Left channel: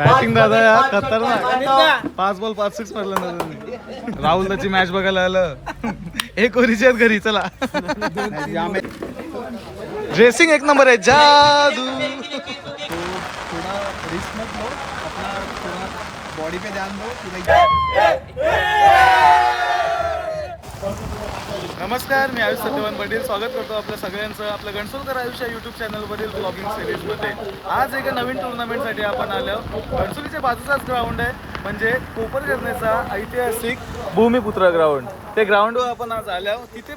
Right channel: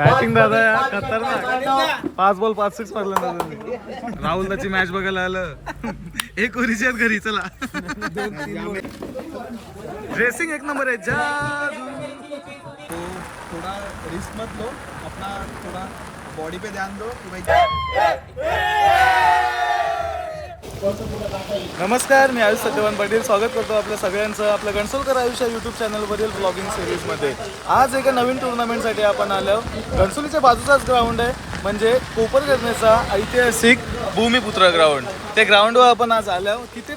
Batting दादा यार खतरनाक. 5 बॉल 5 6 मारला ना त्यांनी. राहुल त्याची मॅच बघायला आलं. एक ओरीची आहेत घरी चला. ड्रेसिंग एक नंबर आहे जादू. तो थोड़ा रिस्क मत लो, अपना थोड़ा बॉडी पे ध्यान दो कि भाई. नमस्कार, मी आयुष सत्यवान पाटील स्वागत करतो आपल्या सगळ्यांचं आपल्या गणसोलकर आयुष्य यूट्यूब चॅनलवरील ब्लॉगिंग सिरीजमध्ये. आज एका नवीन टुर्नामेंटसाठी आपण आलो. गणसोलीच्या बाजूचाच ग्राउंड आहे, म्हणजे कोपरकरण्याचा ऐतिहासिक भूमिपुत्र ग्राउंड. ते ग्राउंडवर आपण आज आलो. तिथे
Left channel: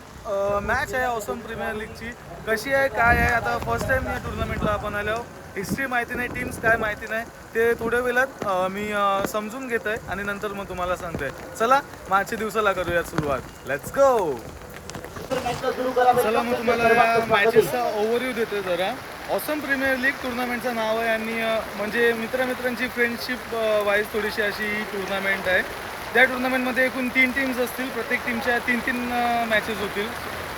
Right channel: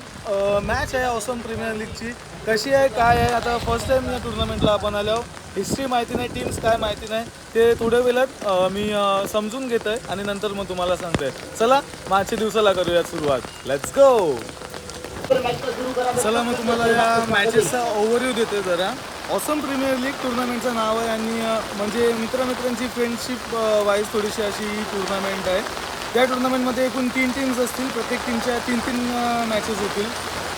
मॅच आहे ऑसम प्रीमियर लीगची. कशी आहे काय आहे, आता फर्स्ट टाइम या टुर्नामेंटला आपण आलो. हिस्ट्री माहिती नाही, टीम्स काय माहिती नाही, ते थोड्या वेळात मी समजून घेत आहे आणि नंतर मग तुम्हाला सांगते. चला मागच्या दिवसाला करूयात सुरुवात. Let's go. चला मग तुम्हाला या मॅचेसचा ओव्हरव्ह्यू देतोय जरा. ऑसम प्रीमियर लीग टुर्नामेंटचं नाव आहे आणि म्हणजे मित्रांची फ्रेंडशिप वाईज थोडीशी अशी ही टुर्नामेंट आहे. त्या टुर्नामेंटमध्ये एकूण 3 टीम्स असतील. प्रत्येक टीमच्या 3 मॅचेस होतील.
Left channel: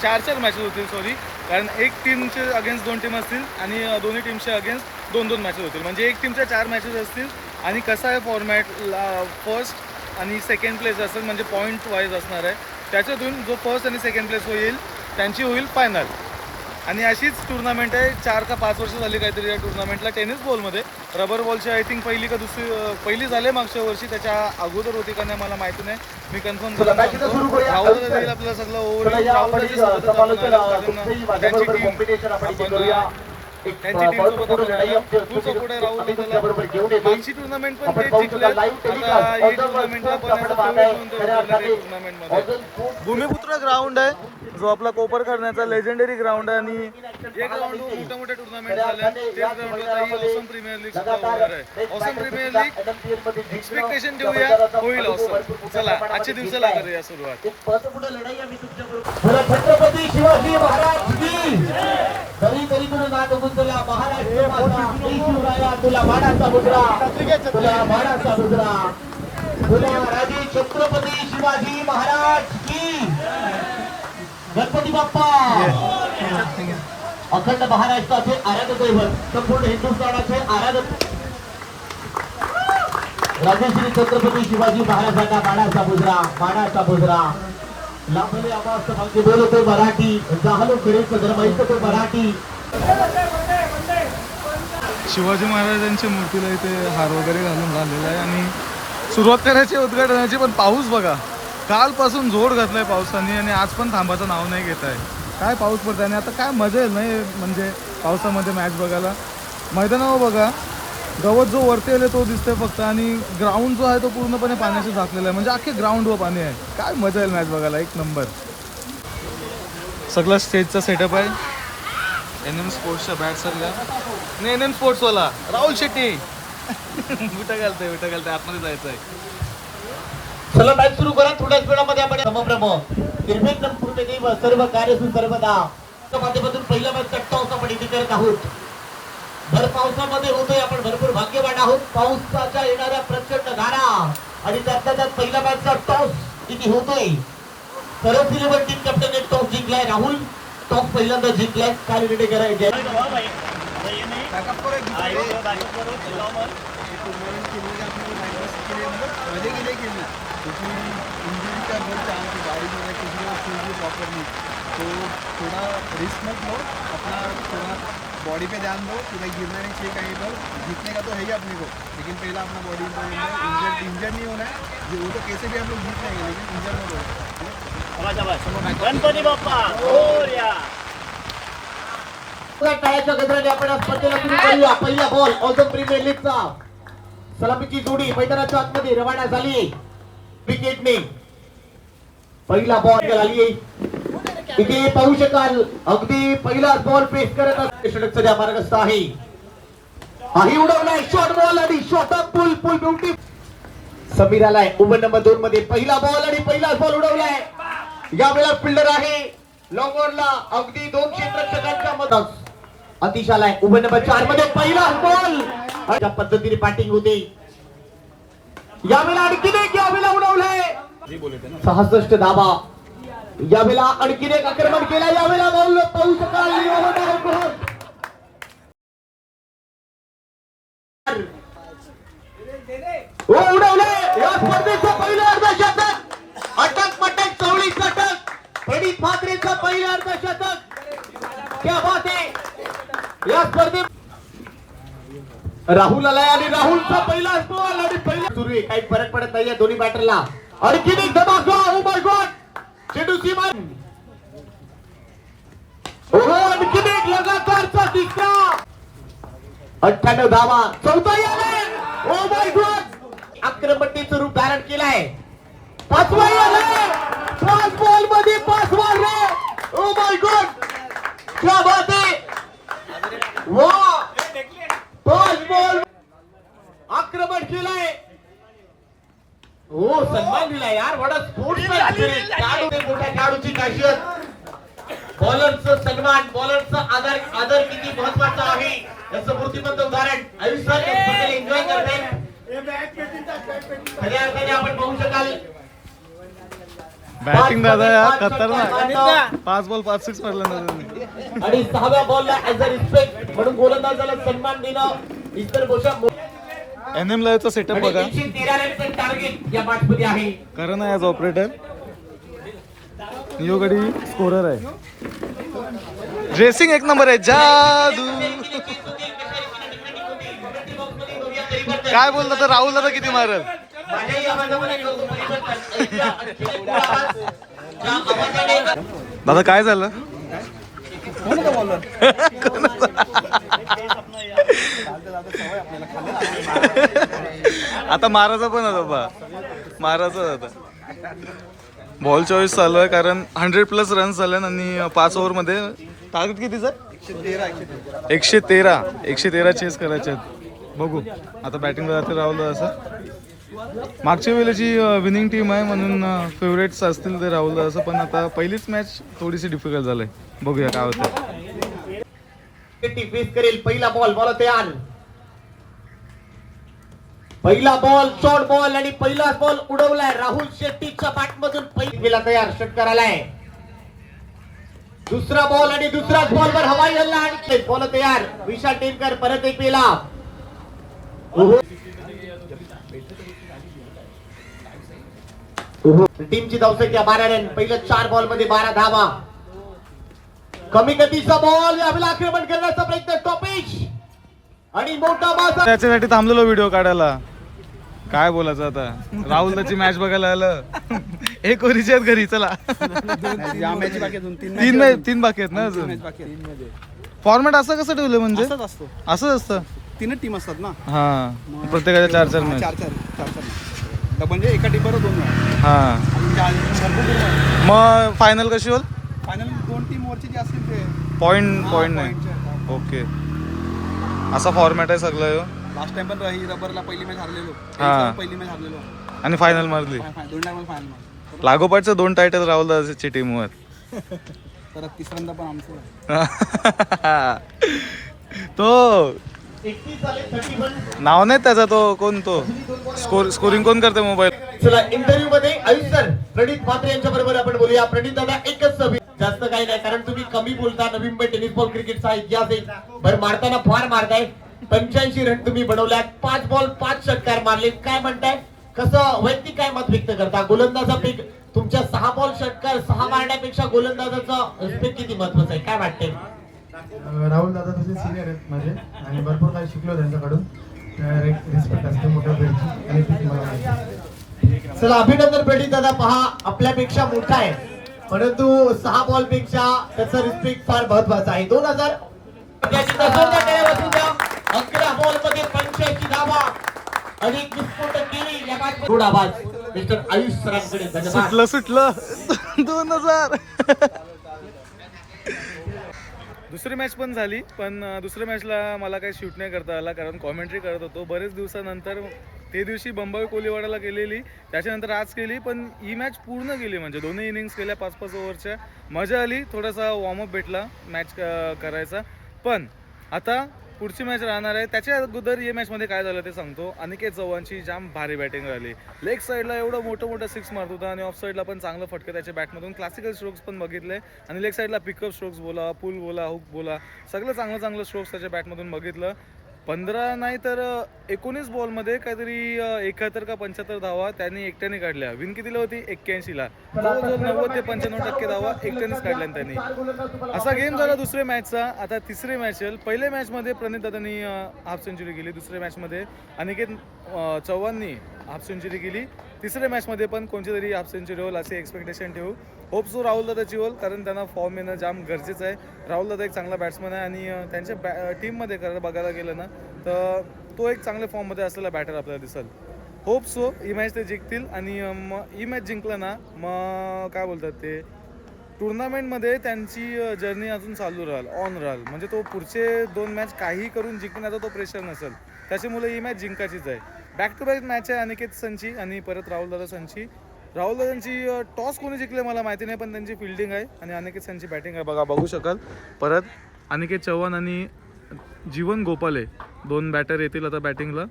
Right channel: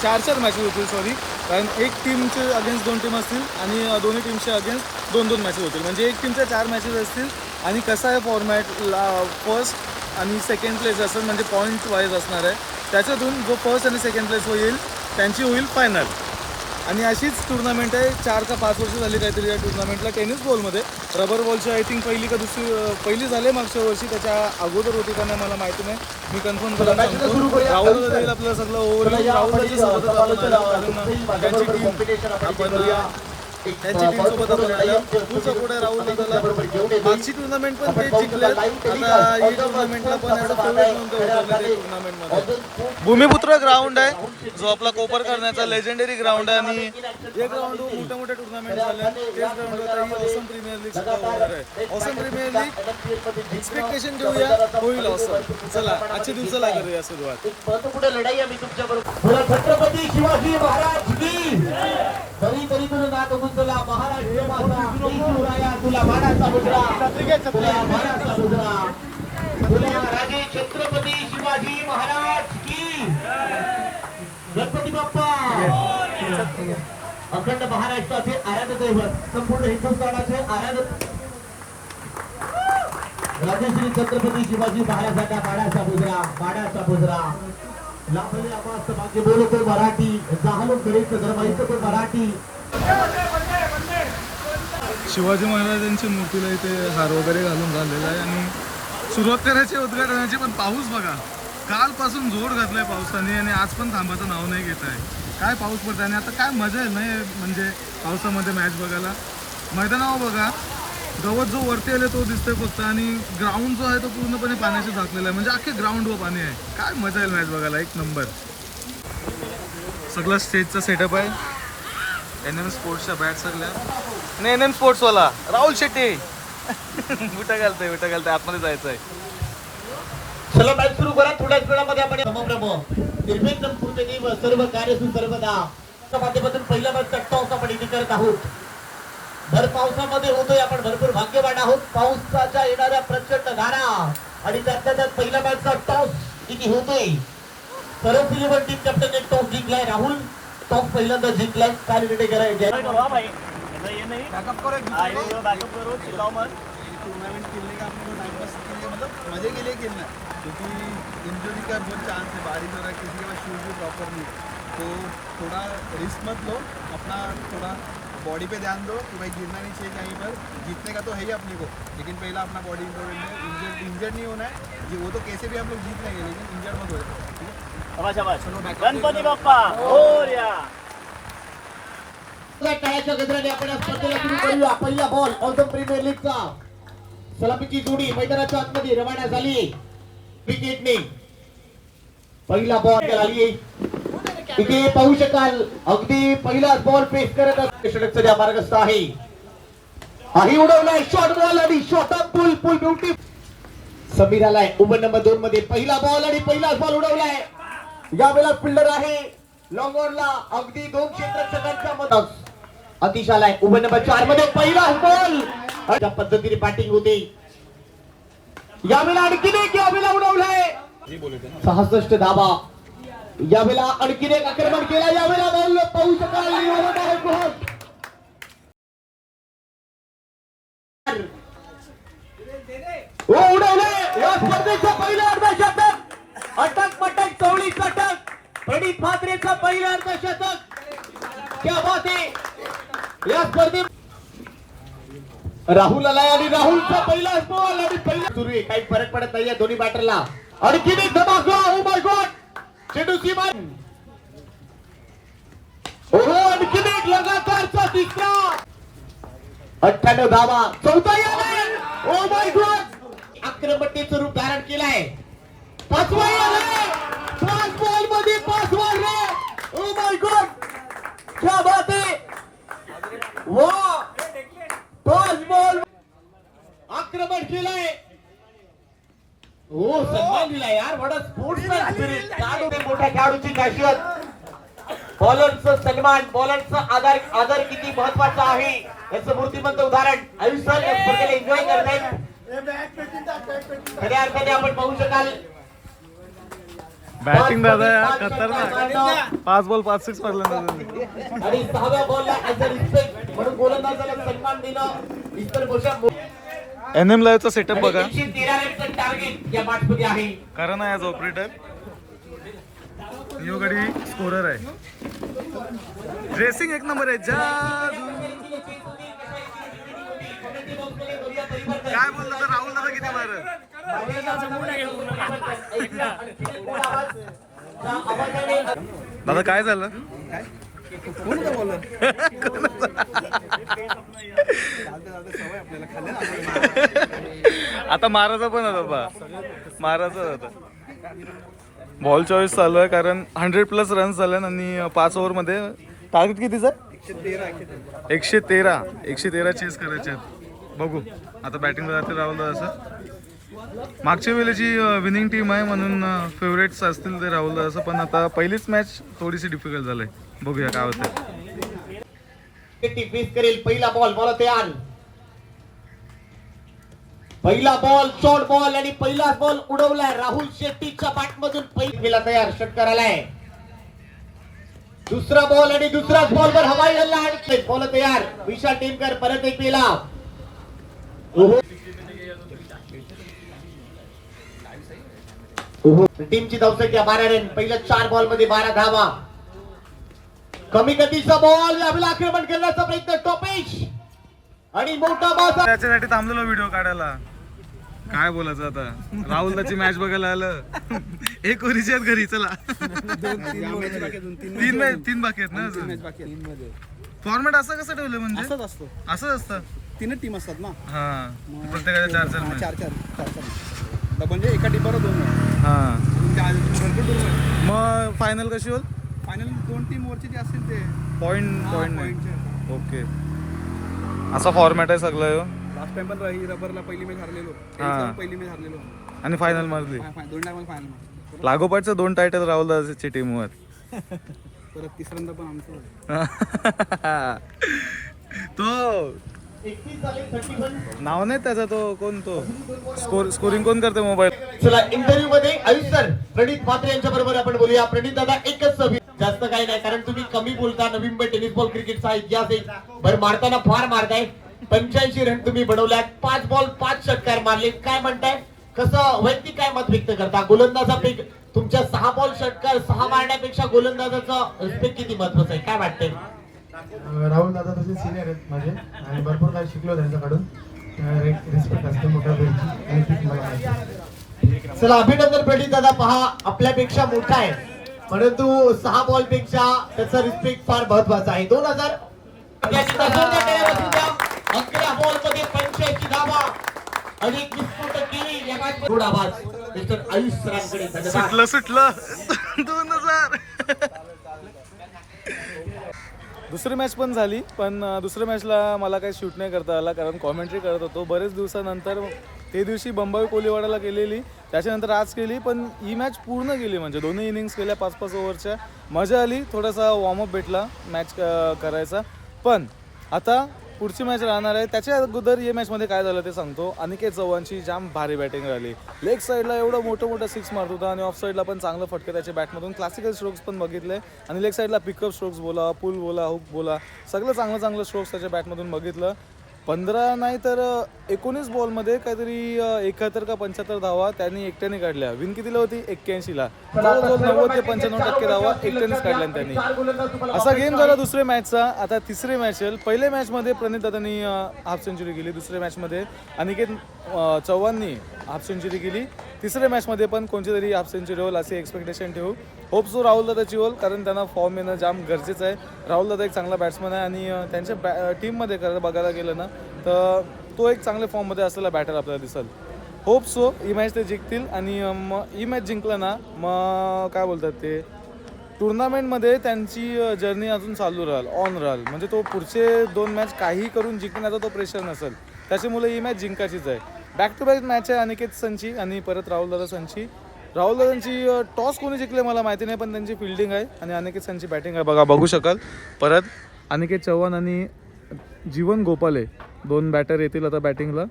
4 मॅचेस होतील सॉरी, कारण एक टीमचे अगेन्स्ट 2 टीम असतील आणि दोन्ही टीमच्या अगेन्स्ट 2 मॅचेस होतील. म्हणजे एक टीमच्या 4 मॅचेस असतील. आणि कसा आहे फॉर्मॅट, फर्स्ट आणि सेकंड प्लेस असेल, म्हणजे पॉईंट वाईज असणार आहे. त्याच्यातून जो फर्स्ट आणि सेकंड प्लेस होईल त्यांची होईल फायनल. आणि अशीच टुर्नामेंट आहे. 4 का 5 वर्ष झाली काहीतरी या टुर्नामेंटला. टेनिस बॉलमध्ये रबर बॉलची आय थिंक पहिली झाले मागच्या वर्षी. त्याच्या अगोदर होती का नाही मला माहिती नाही, मी कन्फर्म करून सांगतो. राहुलला देईल आपल्याला सगळं ओव्हरव्ह्यू. राहुलच्या सोबतच आपण आलो, कारण त्यांची टीम सोबत आपण आलो. फुल सपोर्ट आहे राहुल दादाला. मागची टुर्नामेंट पण ते जिंकल्यात. आता ही टुर्नामेंटला पण ॲज अ फेवरेट म्हणून ते उतरले ते टुर्नामेंटमध्ये. भूमिपुत्र ग्राउंड आहे, जो आपला कोपर करण्याचा लेजेंडरी ग्राउंड आहे. आणि या ग्राउंडवर मोठ्या टुर्नामेंट झाल्या. तेच ग्राउंडवर आता ही ऑसम प्रीमियर लीग सुद्धा होणार आहे. ऑसम प्रीमियर लीग एक्सपेक्टेशन ठेवूया, होईल ऑसम. चला आजच्या दिवसाला करूया सुरुवात. छत्रपती शिवाजी महाराज की तरी तरी तुला नाद गुंतला महाराष्ट्र माझा. शिवराया तुला मानाचा मुद्रा, तुला मानाचा मुद्रा, तुला राजे छत्रपती शिवाजी महाराज की. गणपती बाप्पा अखंड महाराष्ट्राचे आराध्य दैवत, संपूर्ण हिंदुस्थानाचे आराध्य राजश्री छत्रपती शिवाजी महाराजांना मानाचा मुद्रा, मानाचा मुद्रा. लाभले आवाज भाग्य बोलतो मराठी, जाहलो खेळीचं धर्माईचं तो मराठी. शिवाजी महाराजांच्या मूर्तीला इथे हार वगैरे घालून झालेला आहे. आणि सुरुवात करायची उद्घाटनाची, पण पाऊस बघा. कालपासून जोर घातलाय पावसाने आणि आज पण थांबाचं नाव नाही घेत आहे. काय पाऊस पडत आहे. आणि आता काय मजा येईल नाही म्हणजे पावसामध्ये मॅच बघायला. मैदानावर बघा, गवत जो वरती आले तो दिसतोय फक्त, आणि ग्राउंड जो आहे तो पूर्णपणे पाण्याशी झाकलेला आहे. म्हणजे अख्खे ग्राउंडवर पाणी आहे. काय मजा येईल मॅच बघायला, एक नंबर. सगळा स्टेजचा सेटअप आहे. NM स्पोर्ट्सच्या बॅट सगळ्या आणि NM स्पोर्ट्सवाला राहुल शेट्टी विटा घालतंय आतमध्ये जायचं आहे. चला मॅच सुरू करा. थोड्याच वेळामध्ये आपण समप्रभ निर्मेंद्र पूर्णदेव सर्व कार्य सर्वदा माध्यमातून पहिला मॅचचा टॉस आपण इथे करत आहोत. भर पावसामध्ये होतोय आपण, भरपूर भाग्यवान आहोत. पावसाच्या येणाऱ्या प्रचंड धारा आणि त्यात पहिला मॅचचा टॉस इथे होतोय. सर्व सिलेबर टीम कॅप्टनने टॉस जिंकलाय. राहुल टॉस पहिल्यांदा जिंकलाय. काय निर्णय करायचे टूर्नामेंट खेलने का अपने को टाइम पास के लिए मतलब मजे के लिए खेलना, क्योंकि इंजरी का बहुत चांस है. बारिश हो रहा है, किसी का शूज भी प्रॉपर नहीं, तो थोड़ा रिस्क मत लो, अपना थोड़ा बॉडी पे ध्यान दो कि भाई गिरना नहीं चाहिए कहीं पर. जीतने का तो है ही अपने को, लेकिन पहला अपना बॉडी इंपॉर्टेंट है. इंजर्ड नहीं होना है. वो तो कैसे भी हम लोग जीत लेंगे, लेकिन इंजर्ड मत हो जाए. ठीक है. गणपती बाप्पा मोरया. टाळ्याच्या गजराने आपण स्पर्धेला सुरू करूया. पहिला बॉल ऑसम प्रीमियर लीगचा. सलामीची जोडी मैदानाच्या आतमध्ये रवाना झाली विकेटने. पहिला बॉल झाली इथे पाहू शकाल. अगदी पहिला बॉल पेस करत षटकाच्या मार्गस्थ आहे. ही उडवलाय शॉर्ट बॉल आणि short up pull beauty. Sameer आलाय उभं नंबर 2 मध्ये. पहिला बॉल आणि पहिला बॉल उडवलाय. यावेळेला फिल्डर आहे लॉंग ऑनला अगदी 2 क्षेत्ररक्षकांच्या मदत. अतिश आलाय उभं नंबर 4 मध्ये. पहिला बॉल अशा पद्धतीने बॅटिंग होते. यावेळेला आणखीन एक उडवलंय 66 धावा. यावेळेला आणखीन एक आक्रमण केला. यावेळेला बॉल पाऊस प्रणित म्हात्रेचं पहिलं अर्धशतक. क्या बात आहे. या स्पर्धेत राहुल आलाय आणि राहुलचा पहिला बॉल आणि पहिला सुरू आहे. काही फरक पडत नाहीये दोन्ही बॅटरला. आणखी एक धमाका. Oh my God. चेंडू सीमा. हो आणखी एक लगातारचा तिसरा. 98 धावा. चौथा आलाय. Oh my God. आक्रमकतेचं रूप धारण केलाय. पाचवा आलाय. 5 बॉल मध्ये 5 मारले. Oh my God. क्या बात है. वाह. 5 बॉल आक्रमण केलंय. हो सन्मान दिलाय यार. Vada sportsman spirit. मोठ्या खेळाडूची खासियत. बॉलरचं सन्मान, बॉलरचं आदर किती महत्वाचा आहे याचं मूर्तिमंत उदाहरण आयुष्यात एन्जॉय करताय. खऱ्या अर्थाने आपण पाहू शकाल. बॅटिंग दादा यार खतरनाक. 5 बॉल 5 6 मारले ना त्यांनी. आणि 6व्या बॉलला ऍज अ रिस्पेक्ट म्हणून गोलंदाजाला सन्मान देणं इतर गोष्टी. NM लाईव्हचा सेटअप बघा. 113 रनचं टार्गेट या मॅच मध्ये आहे. कारण ॲज ऑपरेटर यो गडी स्कोरर आहे. ड्रेसिंग एक नंबर आहे. जादू. काय बोलतो तर राहुल दादा किती मारल. दादा काय झालं. कोण होता बॉलर? आता मारायचा पण होता बा. मारायचा होता. बॉल चॉईस चालू आहे कारण 100+ रन्स झाले आणि 5 ओव्हरमध्ये टार्गेट कितीचं. 113 चेस करायचे आहेत. बघू आता बॅटिंग जाते राहुल असं. मागच्या वेळेची विनिंग टीम आहे म्हणून फेवरेट्स असतील ते राहुल असं. पण आता पहिलीच मॅच थोडीशी डिफिकल्ट झालंय. बघूया काय होतं. करेल. पहिला बॉल बॉल तयार. पहिला बॉल शॉर्ट बॉल आणि पहिला बॉल उडवलाय. राहुल शेट्टीच्या बॅट मधून पहिला तयार षटकार आलाय. दुसरा बॉल आणि दुसराच बॉल वर हवाई हल्ला आणि बॉल तयार. विशाल टेमकर परत एक पेला. टीमची धावसंख्या 12 रन. पहिल्या 4 बॉल मध्ये 12 धावा. कमी गतीचा बॉल यावेळेला आक्रमण करण्याचा प्रयत्न. टॉपेश आणि मोठा बॉल. त्याच्यासाठी थांबलेलो व्हिडिओ काढायला. काय बोलायचं आता. राहुल दाची मॅच बघायला आलं. एक ओव्हरची आहेत घरी. चला 3 बाकी आहेत ना अजून. फॉर्मॅट असं कसं ठेवलं म्हणजे. असंच असतो. असंच असतं. 3 टीम असतात ना. हा प्रत्येकाच्या 4 मॅच. 4 म्हणजे एका टीमवर 2 हा भरपूर टीम आहे. मग फायनल कशी होईल. फायनल 2 टीम वरचे जे असतील ते पॉइंट नाही. पॉईंटचे. ओके असा फॉर्मॅट आहे सगळं. लास्ट टाइम पण रबरला पहिली मॅच हारलेलो. हा. पहिली मॅच हारलेलो आणि फायनल मारली. 2 टाइम फायनल मारलो. लागोपाठचं 2 टायटल राहुल दादाची टीमवर. परत तिसऱ्यांदा पण आमचं आहे. तो नाव नाही त्याचा. तो कोण तो स्कोरिंग कोण करते मोबाईल. चला इंटरव्ह्यू मध्ये आयुष सर प्रणित म्हात्रे यांच्या बरोबर आपण बोलूया. प्रणित दादा एकच जास्त काही नाही कारण तुम्ही कमी बोलता. नवी मुंबई टेनिस बॉल क्रिकेटचा इतिहास आहे. बरं मारताना फार मारताय. 85 रन तुम्ही बनवल्यात. 5 बॉल 5 षटकार मारले. काय म्हणताय. कसं वैयक्तिक काय मत व्यक्त करता. गोलंदाजापैकी तुमच्या 6 बॉल षटकार 6 मारण्यापेक्षा गोलंदाजाचं रिस्पेक्ट किती महत्वाचं आहे. काय वाटतंय. राहुल दादा तसे सिनियर आहेत माझे आणि भरपूर काही शिकलो त्यांच्याकडून. रिस्पेक्ट असते मोठ्या वेळची आणि तीच मला माहिती आहे. चला अभिनंदन प्रणित दादा. पहा आपल्यापेक्षा मोठा आहे परंतु 6 बॉल पेक्षा त्याचा रिस्पेक्ट फार महत्वाचा आहे. 2000 11 बॉल मध्ये 85 धावा आणि एक विस्फोटक केली या मॅच. थोडा आवाज मिस्टर आयुष सरांकडे. धन्यवाद. सुटलं 2000. दुसरी मॅच पण झाली पण दुसऱ्या मॅचला मला काही शूट नाही करता आला कारण कॉमेंट्री करत होतो. बरेच दिवसानंतर ते दिवशी बंबाई कोलीवाडाला केलेली. त्याच्यानंतर आज केली पण ही मॅच पूर्ण केली म्हणजे दोन्ही इनिंग्स केल्या 5-5 ओव्हरच्या. मजा आली. थोडासा वॉर्मअप भेटला मॅच करायचा. पण आता पुढची मॅच राहणार आहे. त्याच्या अगोदर या मॅचमध्ये काय झालं ते सांगतो. अनिकेत चव्हाणची जाम भारी बॅटिंग राहिली. लेग साईडला एवढं मोठं 6 मारत होता आणि ऑफ साईडला पण चांगलं फटकं त्याच्या बॅटमधून. क्लासिकल स्ट्रोक्स पण बघितले आणि लेग साईडला पिकअप स्ट्रोक्स बोला, पुल बोला, हुक बोला, सगळं चांगलं स्ट्रोक्स त्याच्या बॅटमधून बघितलं. 15 नाही तर 19 बॉलमध्ये काहीतरी 71 का 75 धावा त्यांनी एकट्याने काढल्या. विन कितीला होती? 81ला. जवळजवळ 90 ते 95% धावा एकट्यानेच काढल्या त्यांनी. असा गेम झाला दुसऱ्या मॅचचा. आता तिसरी मॅच येईल. पहिल्या मॅचमध्ये प्रणित दादांनी हाफ सेंचुरी केली. दुसऱ्या मॅचमध्ये अनिकेत चव्हाणनी हाफ सेंचुरी केली. तिसऱ्या मॅचमध्ये पण कोणती तरी हाफ सेंचुरी होईल असे एक्सपेक्टेशन ठेवू. होप सो राहुल दादाची होईल, कारण त्यांना फॉर्म येणं जाम गरजेचं आहे. राहुल दादा एक चांगला बॅट्समन आहे आणि त्यांच्या टीममध्ये खरं बघायला गेलं ना तर तो एक चांगल्या फॉर्ममध्ये असलेला बॅटर आपल्याला दिसेल. होप सो ही मॅच ते जिंकतील आणि मग ही मॅच जिंकलं ना मग काय बोलतात ते टुर्नामेंटमध्ये त्यांची जर्नी अजून चालू राहील, ऑन राहील. म्हणजे तो पुढचे 2 मॅच काही करून जिंकण्याचा तो प्रेशर नसेल. त्याच्यामुळे ही मॅच जिंकायचीच आहे. बॅक टू बॅक मॅच आहे अनिकेत संची आणि परत राहुल दादा संची. राहुल दादांची टॉस कोणी जिंकले मला माहिती नाही, पण त्यांची फिल्डिंग आहे आणि अनिकेत संची बॅटिंग आहे. बघू शकाल. परत अनिकेत चव्हाण आणि जीवन गोपाले 2 बॅटर येतील आता बॅटिंगला.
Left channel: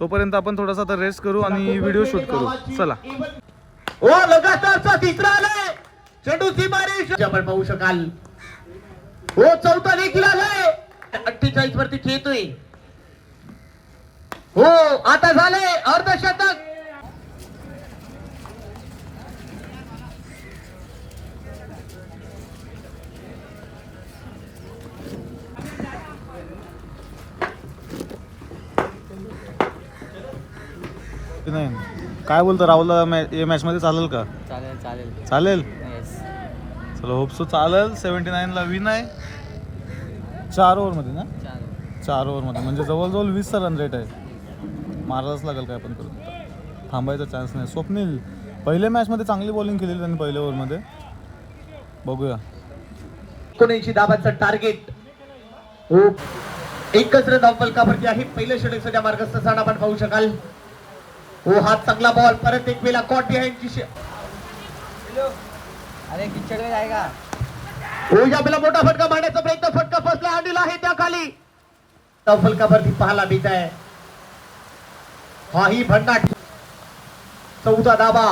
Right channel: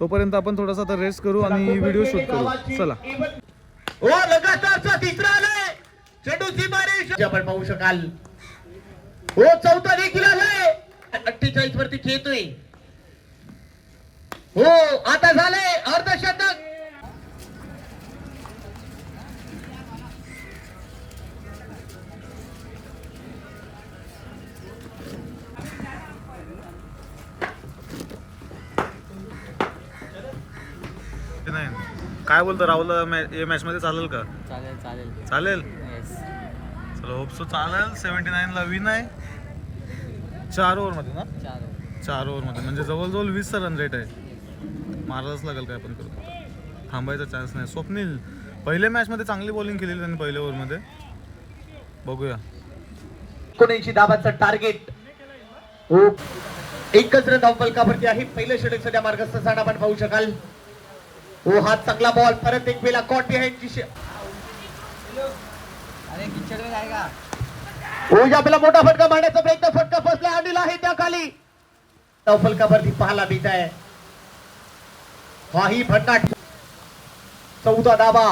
तोपर्यंत आपण थोडासा आता रेस्ट करू आणि व्हिडिओ शूट करू. चला. हो लगातारचा तिसरा आलाय चेंडू सीमारेष आपण पाहू शकाल. हो चौथा देखील आलाय. 48 वरती खेळतोय. हो आता झाले अर्धशतक. नाही काय बोलतो राहुल या मॅचमध्ये चालेल का? चालेल चालेल चालेल. येस. चलो होप सो चालेल. 79ला विन आहे 4 ओव्हरमध्ये ना. 4 ओव्हरमध्ये म्हणजे जवळजवळ 20चा रन रेट आहे. मारायलाच लागेल काय पण करून. थांबायचा चान्स नाही. स्वप्नील पहिल्या मॅचमध्ये चांगली बॉलिंग केलेली त्यांनी पहिल्या ओव्हरमध्ये. बघूया. 79 धावांचं टार्गेट. एकच रन धावफलकावरती आहे. पहिल्या षटकाच्या मार्गस्थान आपण पाहू शकाल. वो हात चांगला बॉल परत एक वेळा कॉट बिहाइंड. अरे किचड में जाएगा. हो आपला मोठा फटका मारण्याचा प्रयत्न. फटका फसला आणलेला आहे त्या खाली. धावफलकावरती पाहायला मिळत आहे. हाही भन्नाट. 14 धावा.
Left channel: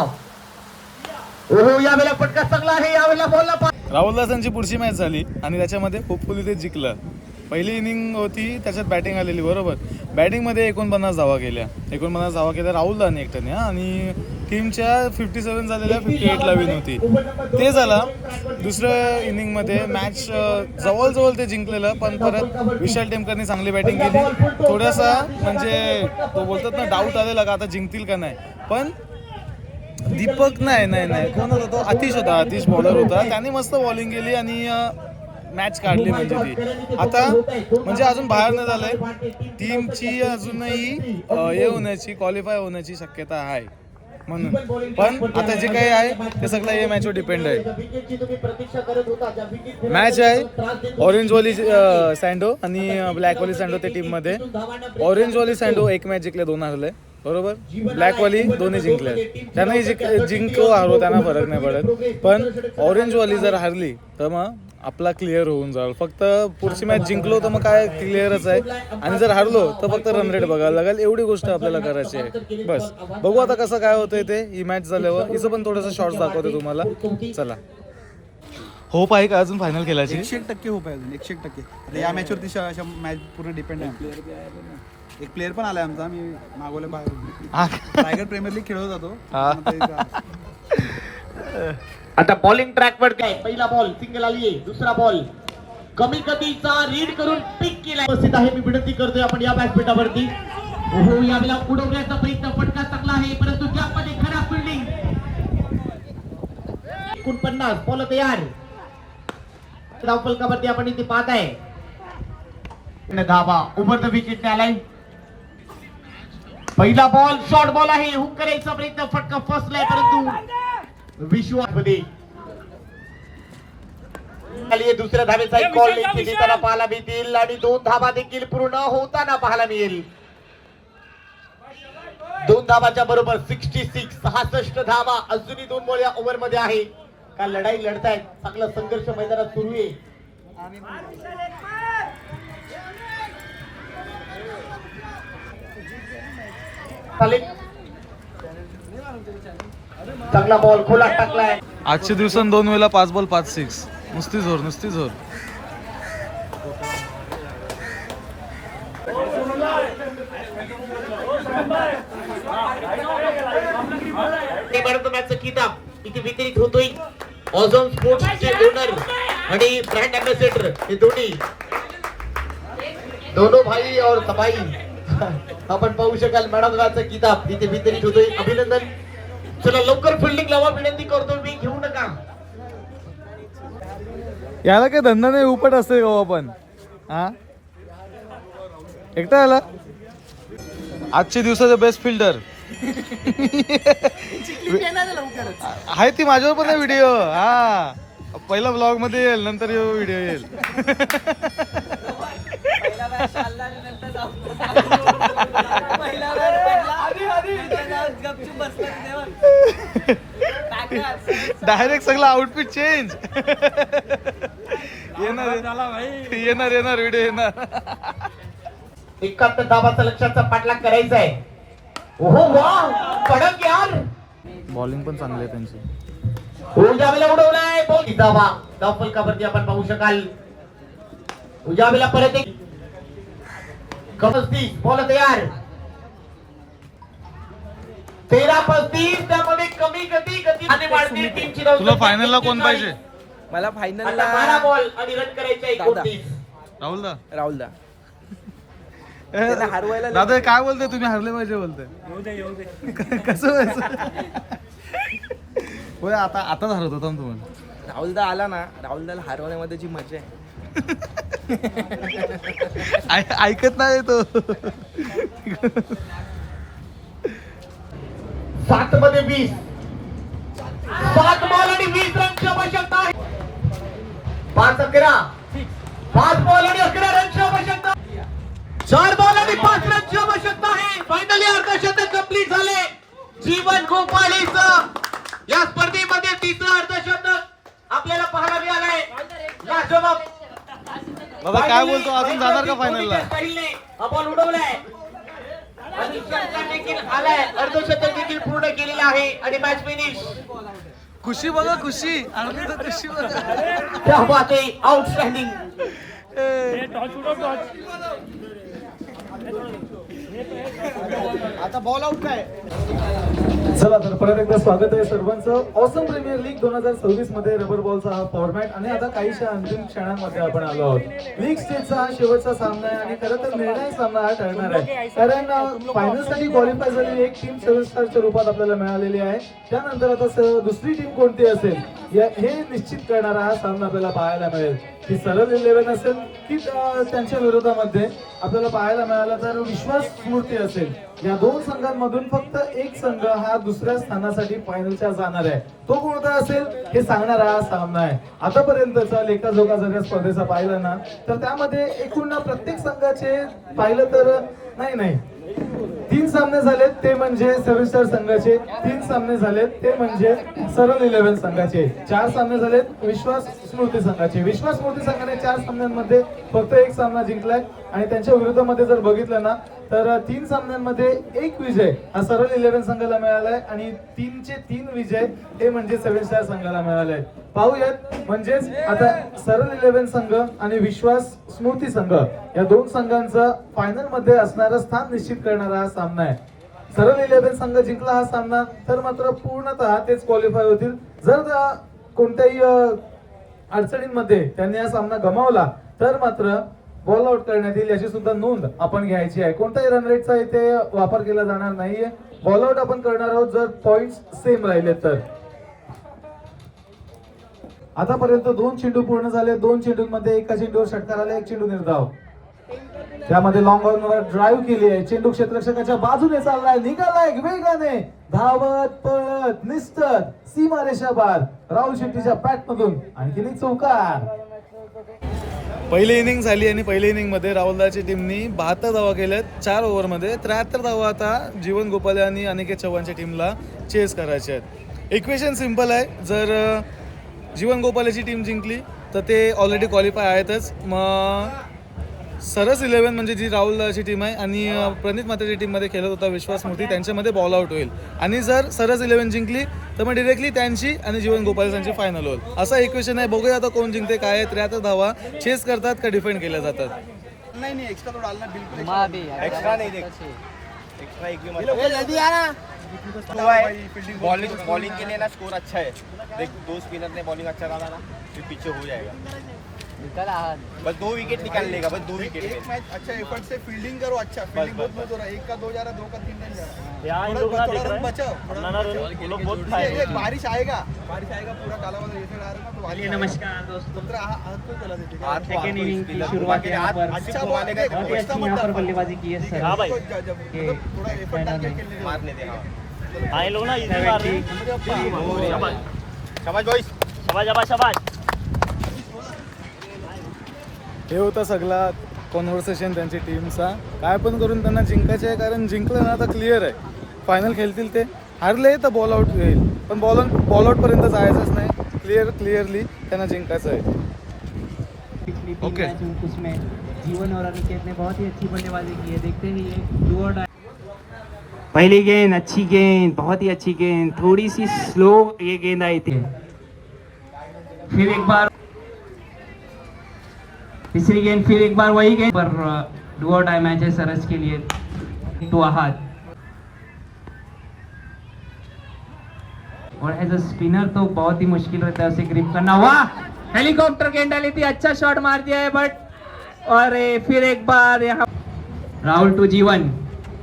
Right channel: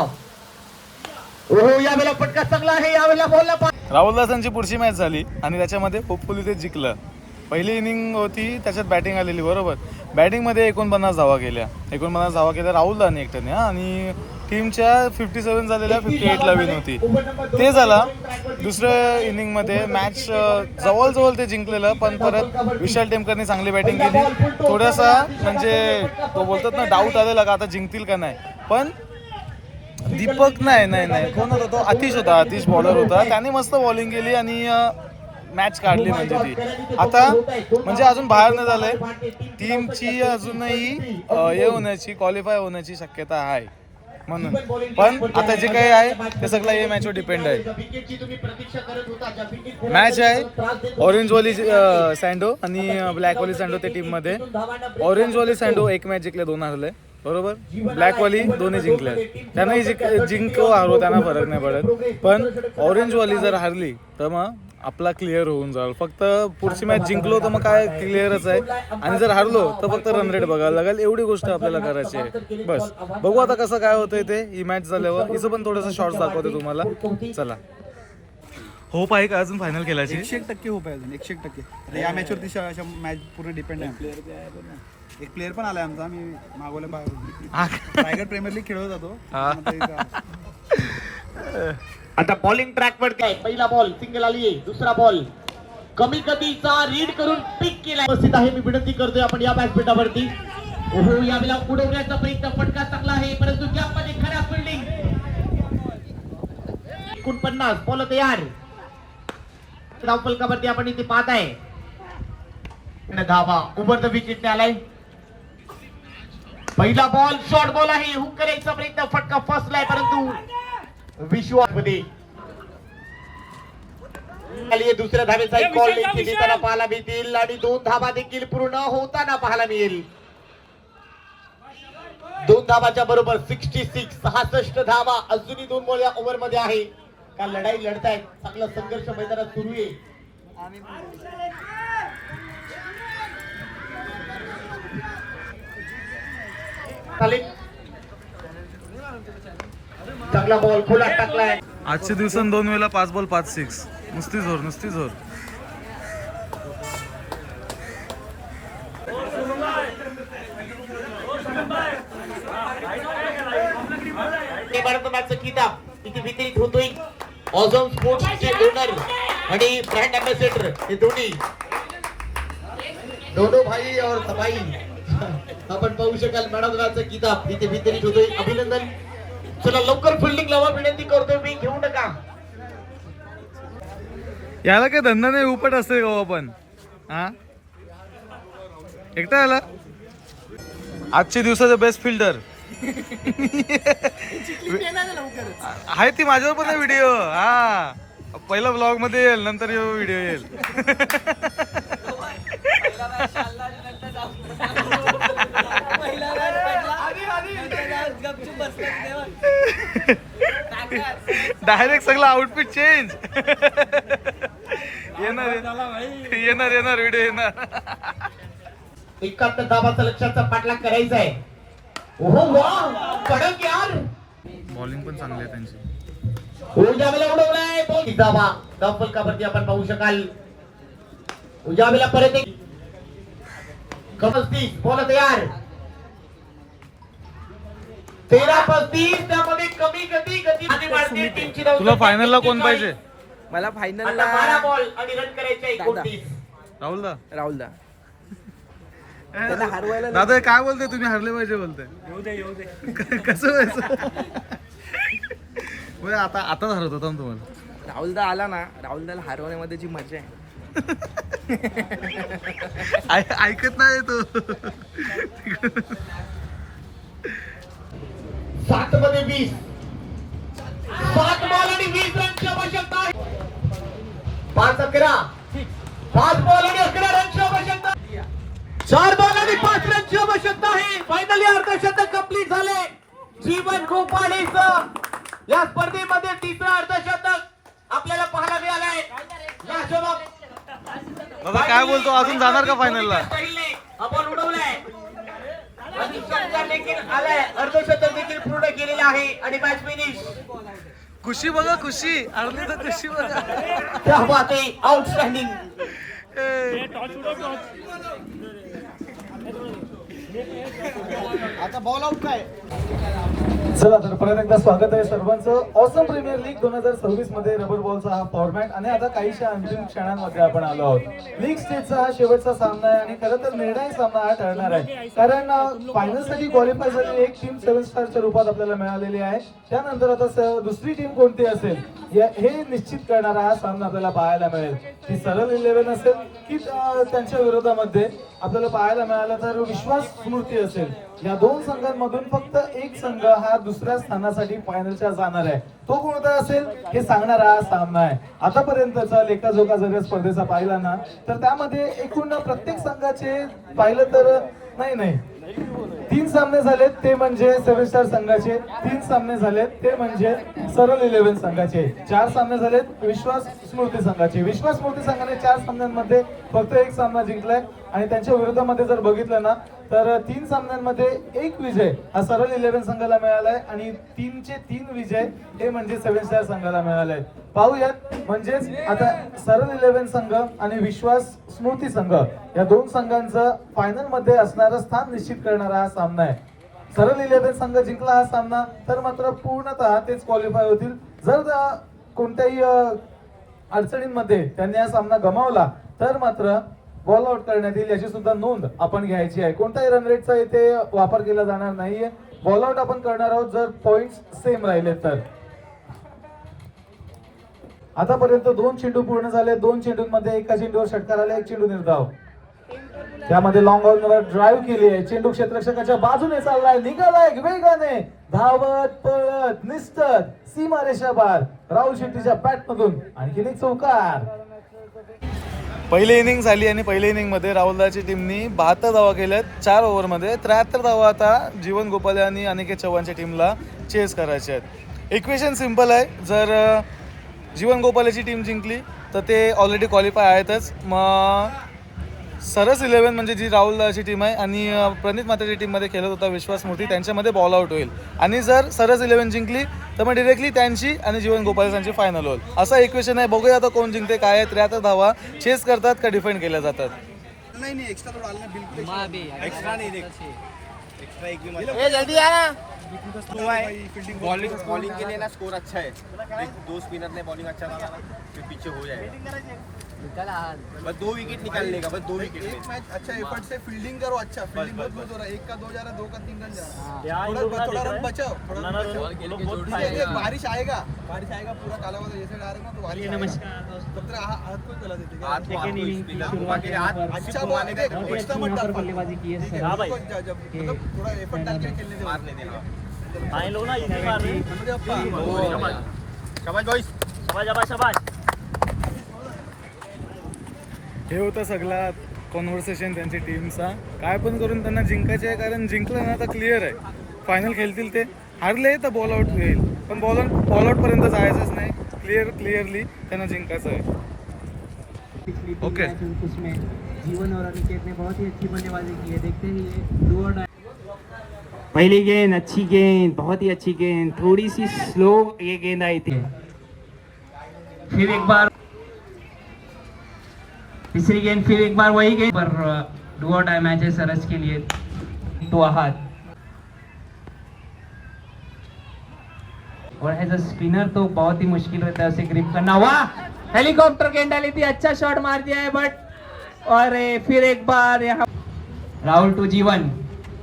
यावेळेला फटका चांगला आहे. यावेळेला बॉलला राहुल दादांची पुढची मॅच झाली आणि त्याच्यामध्ये होपफुली ते जिंकलं. पहिली इनिंग होती त्याच्यात बॅटिंग आलेली बरोबर. बॅटिंगमध्ये 49 धावा केल्या. 49 धावा केल्या राहुल दादाने एकट्याने आणि टीमच्या 57 झालेल्या 58ला विन होती. ते झाला. दुसऱ्या इनिंगमध्ये मॅच जवळजवळ ते जिंकलेलं, पण परत विशाल टेमकरनी चांगली बॅटिंग केली. थोडासा म्हणजे तो बोलतात ना डाऊट आलेला का आता जिंकतील का नाही, पण दीपक नाही कोण होता तो? आतिश होता. आतिश बॉलर होता. त्याने मस्त बॉलिंग केली आणि मॅच काढली. म्हणजे ती आता म्हणजे अजून बाहेर नाही झालंय. टीमची अजूनही हे होण्याची क्वालिफाय होण्याची शक्यता आहे म्हणून. पण आता जे काही आहे ते सगळं या मॅचवर डिपेंड आहे. मॅच आहे ऑरेंजवाली सँडो आणि ब्लॅकवाली सँडो त्या टीममध्ये. ऑरेंजवाली सँडो 1 मॅच जिंकले 2 हरले बरोबर. ब्लॅकवाली दोन्ही जिंकल्या. त्यांनाही जिंको हारो त्यांना फरक नाही पडत, पण ऑरेंजवाली जर हारली तर मग आपला क्लिअर होऊन जाईल. फक्त पुढची मॅच जिंकलो तर मग काय क्लिअरच आहे, आणि जर हारलो तर फक्त रन रेट बघायला लागेल. एवढी गोष्ट आपल्याला करायची आहे बस. बघू आता कसं काय होतंय ते ही मॅच झाल्यावर. हिचं पण थोडंसं शॉर्ट्स दाखवते तुम्हाला. चला. होप आहे का अजून फायनल खेळायची? 101% होप आहे अजून. 101%. आता या मॅचवरती अशा मॅच पूर्ण डिपेंड आहे. एक प्लेअर पण आलाय आमचा. आम्ही मागवले बाहेर रायगड प्रीमियर लीग खेळत जातो. आता बॉलिंग ट्रॅक वर काय. पहिला बॉल सिंगल आली. दुसरा बॉल कमी गतीचा रीड करून पिक केला. उपस्थित आहे मी विनंती करतोय आपण या व्यासपीठावरती. यावेळेला उडवण्याचा प्रयत्न. फटका चांगला आहे परंतु ज्यामध्ये खराब फिल्डिंग. 49 बॉल तयार. धावफलकावरती आपण इथे पाहत आहे. धावा ओव्हर द विकेट आलाय. पहिला बॉल शॉर्ट बॉल आहे. हुक करायचा प्रयत्न. फटका फसलाय परंतु विश्वासमध्ये दुसऱ्या धावेचा एक कॉल देखील देताना पाहायला मिळतील आणि 2 धावा देखील पूर्ण होताना पाहायला मिळेल. 2 धावाच्या बरोबर 66 धावा अजूनही 2 बॉल या ओव्हर मध्ये आहे. का लढाई लढतायत. चांगला संघर्ष मैदानात सुरू आहे. चांगला बॉल खोला टाकलाय. आजच्या दिवसात 2 वेळेला 5 बॉल 5 6. नुसती जोर. मॅन ऑफ द मॅचचा किताब इथे वितरित होतोय. ऑझम स्पोर्ट्सचे ओनर आणि ब्रँड अँबॅसेडर हे दोनों भाई और सबाई आपण पाहू शकाल मॅन ऑफ द मॅचचा किताब इथे वितरित होतोय. अभिनंदन. चला लवकर फिल्डिंग लावा विनंती करतोय मी. घेऊ नका. याला काय धंदा नाही उपट असते गाव आपण. हा एकटा आला आजच्या दिवसाचा बेस्ट फिल्डर आहे ती माझ्यावर पण व्हिडिओ. हा पहिला ब्लॉग मध्ये येईल नंतर व्हिडिओ येईल. डायरेक्ट सगळं आउटफिट चेंज. येणार व्हिडिओ येणार. 71 धावाचा लक्षाचा पाठलाग करायचा आहे. ओहो वा पडक यार. बॉलिंग पण चांगली आहे त्यांची. उजावेला उडवलाय बॉल. धावा धाव फलकावरती आपण पाहू शकाल. उजावेला परत एक 35 बॉल तयार. 13-35 त्यामध्ये कमी गती आणि वाढती टीमची धाव. तुला फायनलला कोण पाहिजे? मला फायनलला 12 बॉल आणि रन करायचे दादा. 29. राहुल दा. राहुल दा दादा काय बोलते तुम्ही हरले पाहिजे बोलते. कसं व्हायचं? होय आता हरवत होता तुम्हाला. राहुल दा आला ना. राहुल दाला हरवण्यामध्ये जी मजा आहे ऐकत नाही तो. 7 मध्ये 20. 7 बॉल आणि 20 रनची आवश्यकता आहे. 5 बॉल आणि 11 रनची आवश्यकता. 4 बॉल आणि 5 रनची आवश्यकता आहे. फायनली अर्धशतक कंप्लीट झाले. जीवन गोपाळीचं या स्पर्धेमध्ये तिसरं अर्धशतक आपल्याला पाहायला मिळालंय. दादा काय बोलतो अजून जाणार का फायनलला? हा बॉल उडवलाय. अर्धशतक देखील पूर्ण केलेले आहे आणि मॅच फिनिश. खुशी बघा खुशी. हरली तर खुशी बघा. क्या बात आहे. आउटस्टँडिंग. आता बॉल आउट काय? चला तर परत एकदा स्वागत आहे सर्वांचं. ऑसम प्रीमियर लीग 2026 मध्ये रबर बॉलचा हा फॉर्मॅट आणि आता काहीशा अंतिम क्षणांमध्ये आपण आलो आहोत. लीग स्टेजचा हा शेवटचा सामना आहे आणि खरं तर निर्णायक सामना हा ठरणार आहे. कारण फायनल साठी क्वालिफाय झालेली एक टीम 7 स्टारच्या रूपात आपल्याला मिळालेली आहे. त्यानंतर आता दुसरी टीम कोणती असेल हे निश्चित करणारा हा सामना आपल्याला पाहायला मिळेल. ती सरळ 11 असेल की त्यांच्या विरोधामध्ये आपल्याला पाहायला मिळाला तर विश्वास स्मृती असेल. या दोन संघांमधून फक्त एक संघ हा दुसऱ्या स्थानासाठी फायनलच्या जाणार आहे. तो कोणता असेल हे सांगणारा हा सामना आहे. आतापर्यंतचा लेखाजोखा जर या स्पर्धेचा पाहिला ना तर त्यामध्ये एकूण प्रत्येक संघाचे पाहिलं तर नाही 3 सामने झालेत ते म्हणजे 7 स्टार संघाचे. 3 सामने झालेत ते म्हणजे सरळ 11 संघाचे. 4 सामने झालेत विश्वास स्मृती संघाचे. विश्वास स्मृती संघाने 4 सामन्यांमध्ये फक्त एक सामना जिंकलाय आणि त्यांच्या विरोधामध्ये जर बघितलं ना तर 3 सामन्यांमध्ये 1 विजय हा सरळ 11 संघाला मिळालाय आणि 3चे 3 विजय हे म्हणजे 7 स्टार संघाला मिळालाय. पाहूयात म्हणजेच आता सरळ 11 संघ आणि विश्वास स्मृती संघ या 2 संघांचं फायनल मध्ये असणारं स्थान निश्चित करणारा हा सामना आहे. सरळ 11 संघ जिंकला हा सामना तर मात्र पूर्णतः तेच क्वालिफाय होतील. जर कोणत्याही अडचणींमध्ये त्यांनी हा सामना गमावला तर मात्र बॉल आउट करण्यात येईल याची सुद्धा नोंद आपण घ्यायची आहे. कोणत्याही रन रेटचा इथे वापर केला जाणार नाहीये. बॉल आउट आपण करणार आहोत जर पॉइंट्स सेम राहिले तर. आतापर्यंत 2 चेंडू पूर्ण झाले. 2 चेंडूंमध्ये एका चेंडूवर षटकार आला. 1 चेंडू निर्धाव. त्यामध्ये लॉंग ऑनवर ड्राईव्ह केली आहे. चेंडू क्षेत्ररक्षकाच्या बाजूने चाललाय. निघालाय वेगाने धावत पळत निसटत सीमारेषा पार. राहुल शेट्टीच्या बॅट मधून आणखीन एक चौकार. पहिली इनिंग झाली आणि पहिल्या इनिंग मध्ये राहुलदाची टीमनी 72 धावा केल्यात 4 ओव्हरमध्ये. 73 धावा आता जीवन गोपाले आणि अनिकेत चव्हाणच्या टीमला चेस करायचे आहेत. इक्वेशन सिंपल आहे. जर जीवन गोपालेची टीम जिंकली तर ते ऑलरेडी क्वालिफाय आहेतच. मग सरस 11 म्हणजे जी राहुलची टीम आहे आणि प्रणित मात्रेच्या टीममध्ये खेळत होता विश्वास मूर्ती त्यांच्यामध्ये बॉल आउट होईल आणि जर सरस 11 जिंकली तर मग डिरेक्टली त्यांची आणि जीवन गोपाल यांची फायनल होईल. असा इक्वेशन आहे. बघूया आता कोण जिंकते. काय आहे 73 धावा चेस करतात का डिफेंड केल्या जातात. नहीं एक्स्ट्रा तो डालना बिल्कुल माँ भी एक्स्ट्रा नहीं देख एक्स्ट्रा एक भी बॉलिंग के लिए ना स्कोर अच्छा है। देख 2 स्पिनर ने बॉलिंग अच्छा डाला ना, फिर पीछे हो जाएगा। बस 2 विकेट निकाल लेगा, बस 2 विकेट। एक मैच अच्छा एफर्ट से फील्डिंग करो, अच्छा फील्डिंग बहुत बहुत हो रहा है। 1 का 2 जा रहा है, 2 का 3 रन जा रहा है। थोड़ा रन बचाओ, बारिश आएगा पूरा काला वाला ये साइड आ रहा है ना, तो बारिश आएगा। हाथ को चला देते अच्छा बॉल एक्स्ट्रा मत डाल, बल्लेबाजी की है सर। मतलब थोड़ा एफर्ट डाल के खेलने के मारने देना। शाबाश। हे होता सगळा कॉन्व्हर्सेशन त्यांची टीमचा. काय पण करून त्यांना जिंकायचे आहे, कारण जिंकलं ना तर क्लिअर आहे, फायनल खेळतील. ते हारले तर बॉल आउट येईल, पण बॉल आउटपर्यंत जायचंच नाही. क्लिअरली त्यांना जिंकायचं आहे. ओके. उसमें जीवन और अनिकेत ने बहुत ही अच्छी बल्लेबाजी की है. देखते ही ये डू और डाई. पहली गेंद अच्छी गेंद, बहुत ही अच्छी गेंद, थोड़ी सी स्लो ये गेंद आई थी. फिर एक बार तीसरी गेंद, फिर एक बार वही गेंद पर डू और डाई मैच है सरस के लिए. तो हाथ और एज अ स्पिनर तो बहुत ही मुश्किल रहता है उसे ग्रिप करना. वाह, हेलीकॉप्टर गेंद डाली थी, अच्छा शॉट मार दिया है, बट और फिर एक बार यहाँ राहुल टू जीवन.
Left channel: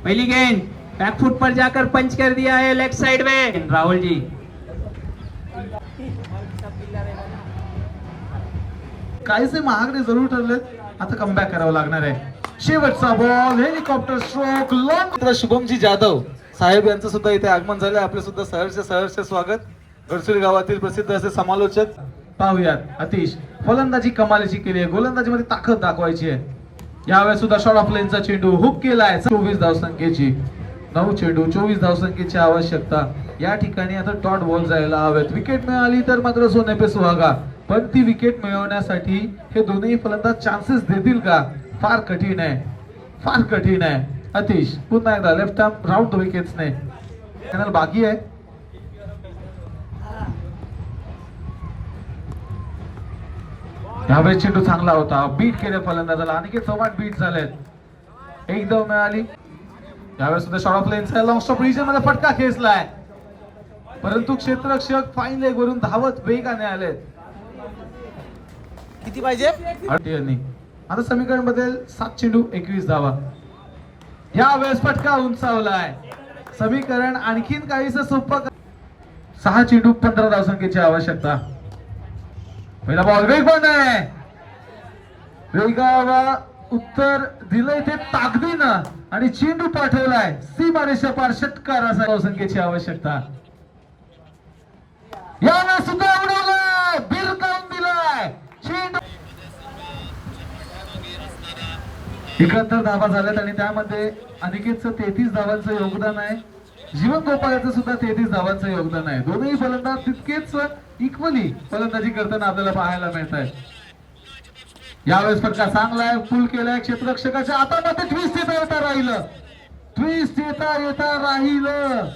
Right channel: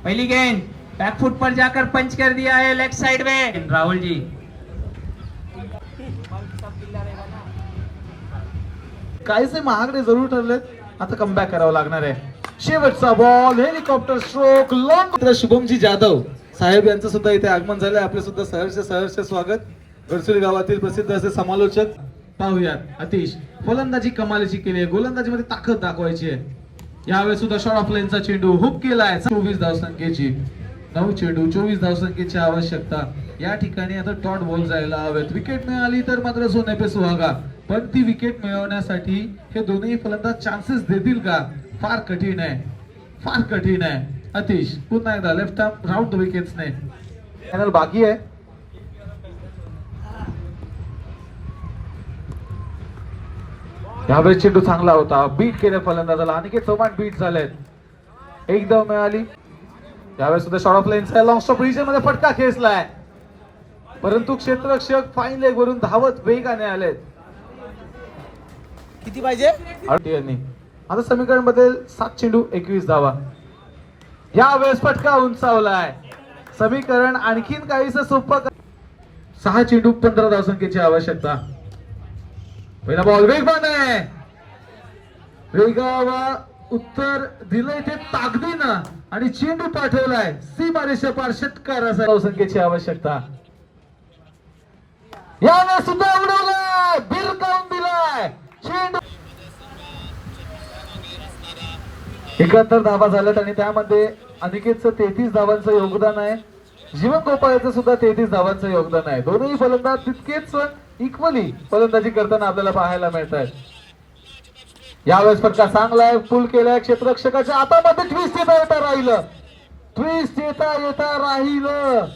पहली गेंद बैकफुट पर जाकर पंच कर दिया है लेग साइड में राहुल जी. काहीसे महागडे जरूर ठरलेत, आता कमबॅक करावं लागणार आहे. शेवटचा ball, helicopter stroke long. Shubhamji Jadhav साहेब यांचं सुद्धा इथे आगमन झालंय. आपले सुद्धा सहर्ष स्वागत. गडचिरोली गावातील प्रसिद्ध असे समालोचक. पाहूयात अतिश फलंदाजी कमालीची केली आहे, गोलंदाजीमध्ये ताकद दाखवायची आहे. यावेळेस सुद्धा शॉर्ट ऑफ लेनचा चेंडू हुक केलाय. 24 धावसंख्येची 9 चेंडू 24 धावसंख्येची आवश्यकता. या ठिकाणी आता डॉट बॉल जायला हवेत. विकेट मिळाली तर मात्र सोने पे सुहागा, पण ती विकेट मिळवण्यासाठी हे दोन्ही फलंदाज चान्सेस देतील का? फार कठीण आहे. अतिश पुन्हा एकदा लेफ्ट आर्म राऊंड द विकेट्सने फायनल बाकी आहे. यावेळेस चेंडू चांगला होता, बीट केले फलंदाजाला. अनिकेत चव्हाण बीट झाले, एक धाव मिळाली. यावेळेस सुद्धा शॉर्ट ऑफ लेनचा लॉंग स्टॉप पोझिशन मध्ये फटका खेचलाय, परंतु क्षेत्ररक्षक फाईन लेग वरून धावत वेगाने आले. किती पाहिजे? आता समीकरण मध्ये 7 चेंडू 21 धावा. यावेळेस फटका उंचावलाय. समीकरण आणखीन काहीसं सोपं. 6 चेंडू 15 धावसंख्येची आवश्यकता. पहिला बॉल वेगवान आहे, वेगावा उत्तर दिलंय ते ताकदीनं आणि चेंडू पाठवलाय सीमारेषा पार. षटकार असा धावसंख्येची आवश्यकता. यावेळेस सुद्धा उडवलाय, बिरकावून दिलाय चेंडू. 71 धावा झाल्यात आणि त्यामध्ये अनिकेतचं 33 धावांचं योगदान आहे. जीवन गोपाळचं सुद्धा 33 धावांचं योगदान आहे. दोन्ही फलंदाज तितकेच इक्वली फलंदाजी करताना आपल्याला पाहायला मिळत आहे. यावेळेस फटका चांगलाय, पुल केलाय क्षेत्ररक्षकाच्या हातामध्ये. ट्विस्ट येता राहिलं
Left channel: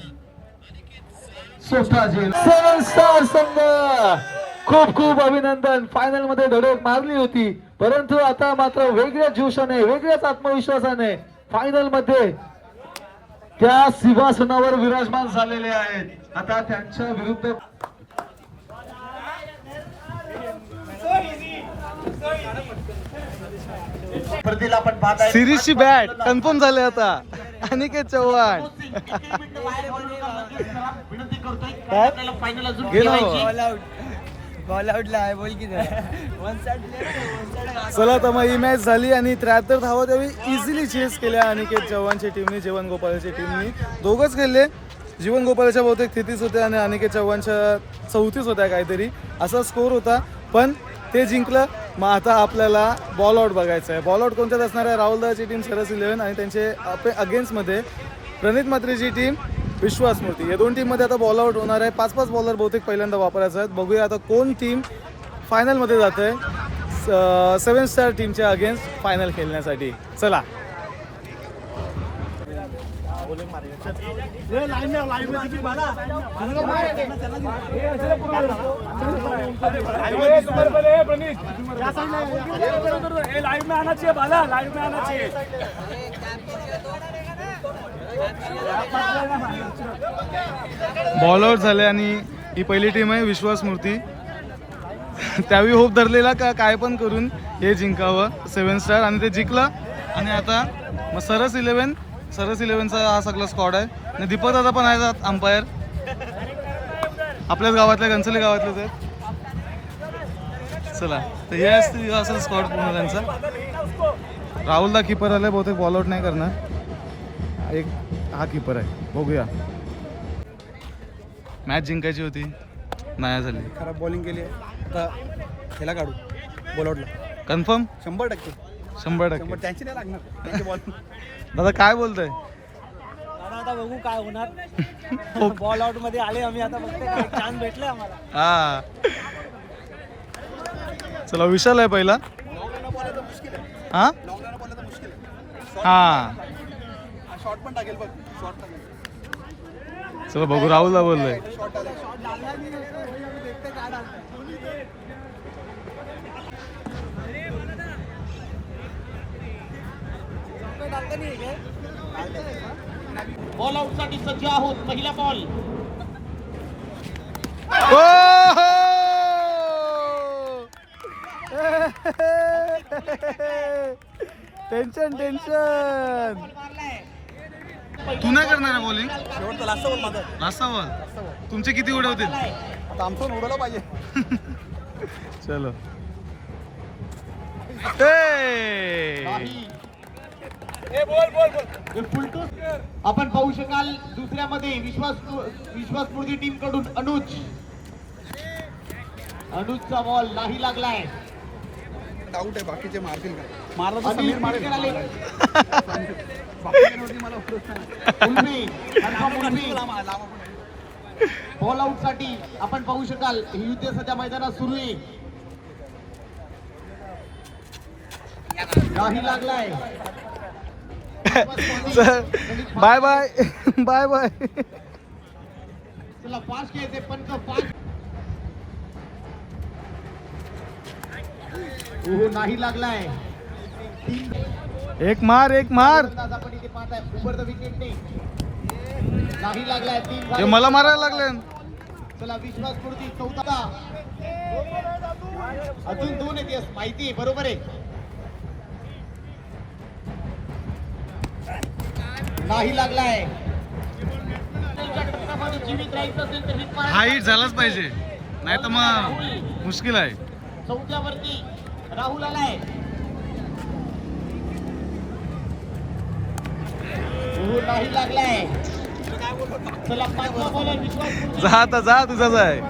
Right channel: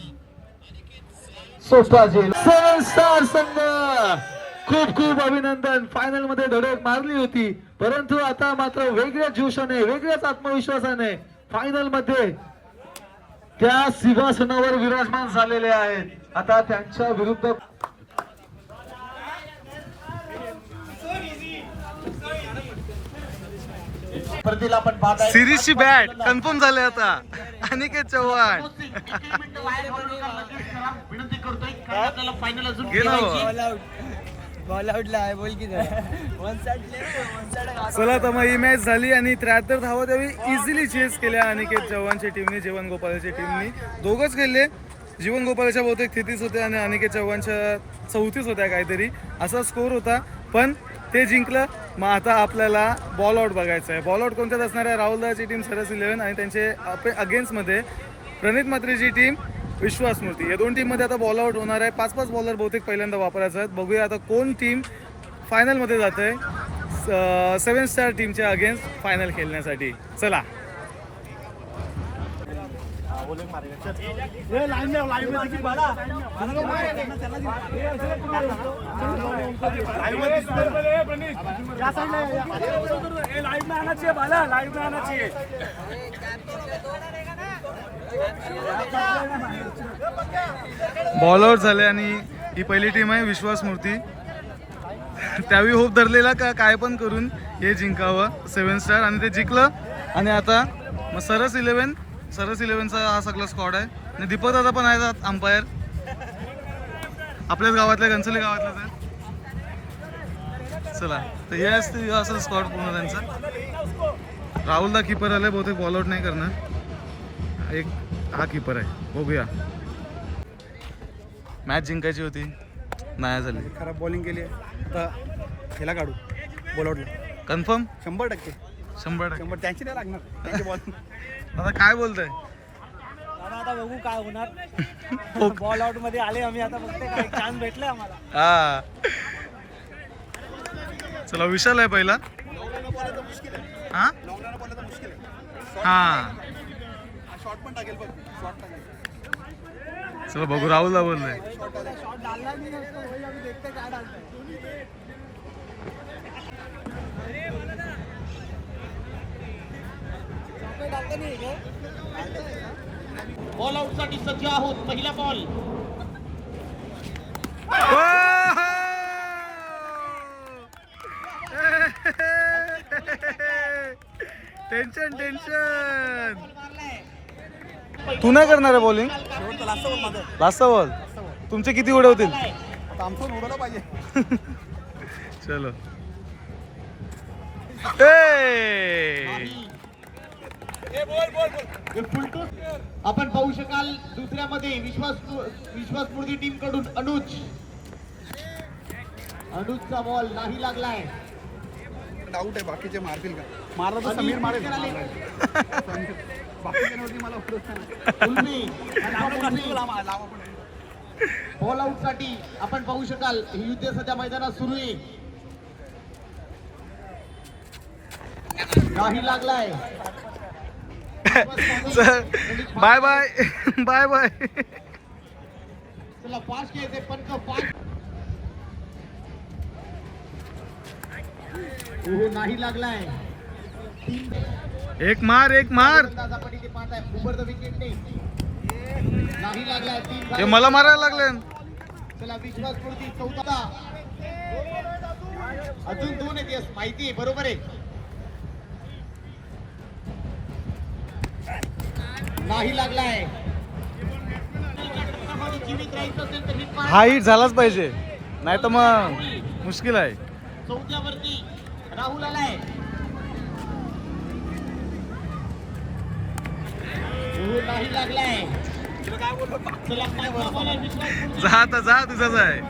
सोपा झेल. 7 स्टार संघ खूप अभिनंदन. फायनल मध्ये धडक मारली होती, परंतु आता मात्र वेगळ्याच जोशाने, वेगळ्याच आत्मविश्वासाने फायनल मध्ये त्या सिंहासनावर विराजमान झालेले आहेत. आता त्यांच्या विरुद्ध सिरीजची बॅट कन्फर्म झाले आता. अनिकेत चव्हाण बॉल आउटला आहे, बोल की चला तर मग ही मॅच झाली आणि 73 धावा त्यावेळी इझिली चेस केल्या अनिकेत चव्हाणच्या टीमने, जीवन गोपाळच्या टीमने. दोघंच खेळले. जीवन गोपाळच्या बहुतेक 33 होत्या आणि अनिकेत चव्हाणच्या 34 होत्या काहीतरी असा स्कोर होता, पण ते जिंकलं. मग आता आपल्याला बॉल आउट बघायचं आहे. बॉल आउट कोणत्यात असणार आहे? राहुल दादाची टीम सरस 11 आणि त्यांचे अगेन्स्टमध्ये प्रणित म्हात्रेची टीम विश्वास मूर्ती. या दोन टीममध्ये आता बॉल आउट होणार आहे. 5-5 बॉलर बहुतेक पहिल्यांदा वापरायचं आहेत. बघूया आता कोण टीम फायनलमध्ये जात आहे 7 स्टार टीमच्या अगेन्स्ट फायनल खेळण्यासाठी. चला बॉल आउट झाले आणि ही पहिली टीम आहे विश्वास मूर्ती. त्यावेळी होप धरलेला का काय पण करून हे जिंकावं 7 स्टार आणि ते जिंकलं. आणि आता मग सरस 11चा हा सगळा स्क्वॉड आहे आणि दीपक दादा पण आहे अंपायर आपल्याच गावातल्या घनसोली गावातले. तर चला तर हे असते असं स्क्वॉड पूर्ण त्यांचा. राहुलला कीपर आलाय बहुतेक बॉल आउट नाही करणार. एक हा कीपर आहे बघूया. मॅच जिंकायची होती नाही झाली. खराब बॉलिंग केली आहे आता ह्याला काढू बॉलआउटला कन्फर्म 100% 100%. त्यांची नाही लागणार त्यांची बॉल दादा काय बोलताय? दादा आता बघू काय होणार. बॉल आउट मध्ये आले आम्ही आता बघते काय चान्स भेटले आम्हाला. हा चला विशाल आहे पहिला. हा हा शॉट पण टाकेल बघ शॉट टाकेल चला बघू राहुलला बोललोय. बॉल आउट साठी सज्ज आहोत. पहिला बॉल टेन्शन तू नाही करणार आहे बॉलिंग? शेवटचा लास्ट बॉल माझा लास्ट बॉल तुमचे किती उडवतील? आता आमचं पण उडवलं पाहिजे. चलो आपण पाहू शकाल दुसऱ्यामध्ये विश्वास मूर्ती टीम कडून अनुजचा बॉल नाही लागलाय. डाऊट आहे बाकीचे मारतील का. मारला तर समीर मारेल. बाकीच्यांवरती मला बॉल आउट साठी आपण पाहू शकाल ही युद्ध सध्या मैदानात सुरू आहे. नाही लागलाय. Bye bye bye bye. चला फास्ट घ्यायचे पंच फास्ट. नाही लागलाय. एक मार आपण इथे पाहताय उभरतं विकेट नाही लागलाय. 3 हे मला मारायला लागले. चला विश्वास मूर्ती चौथा. अजून 2 आहेत यस माहिती आहे बरोबर आहे. नाही लागलाय. जीवित राहायचं असेल तर hit मारा. हा हिट झालाच पाहिजे नाही तर मग मुश्किल आहे. चौथ्यावरती राहुल आलाय. नाही लागलाय. चला पाचवा बॉलर विश्वास मूर्ती. जा आता जा तुझाच आहे.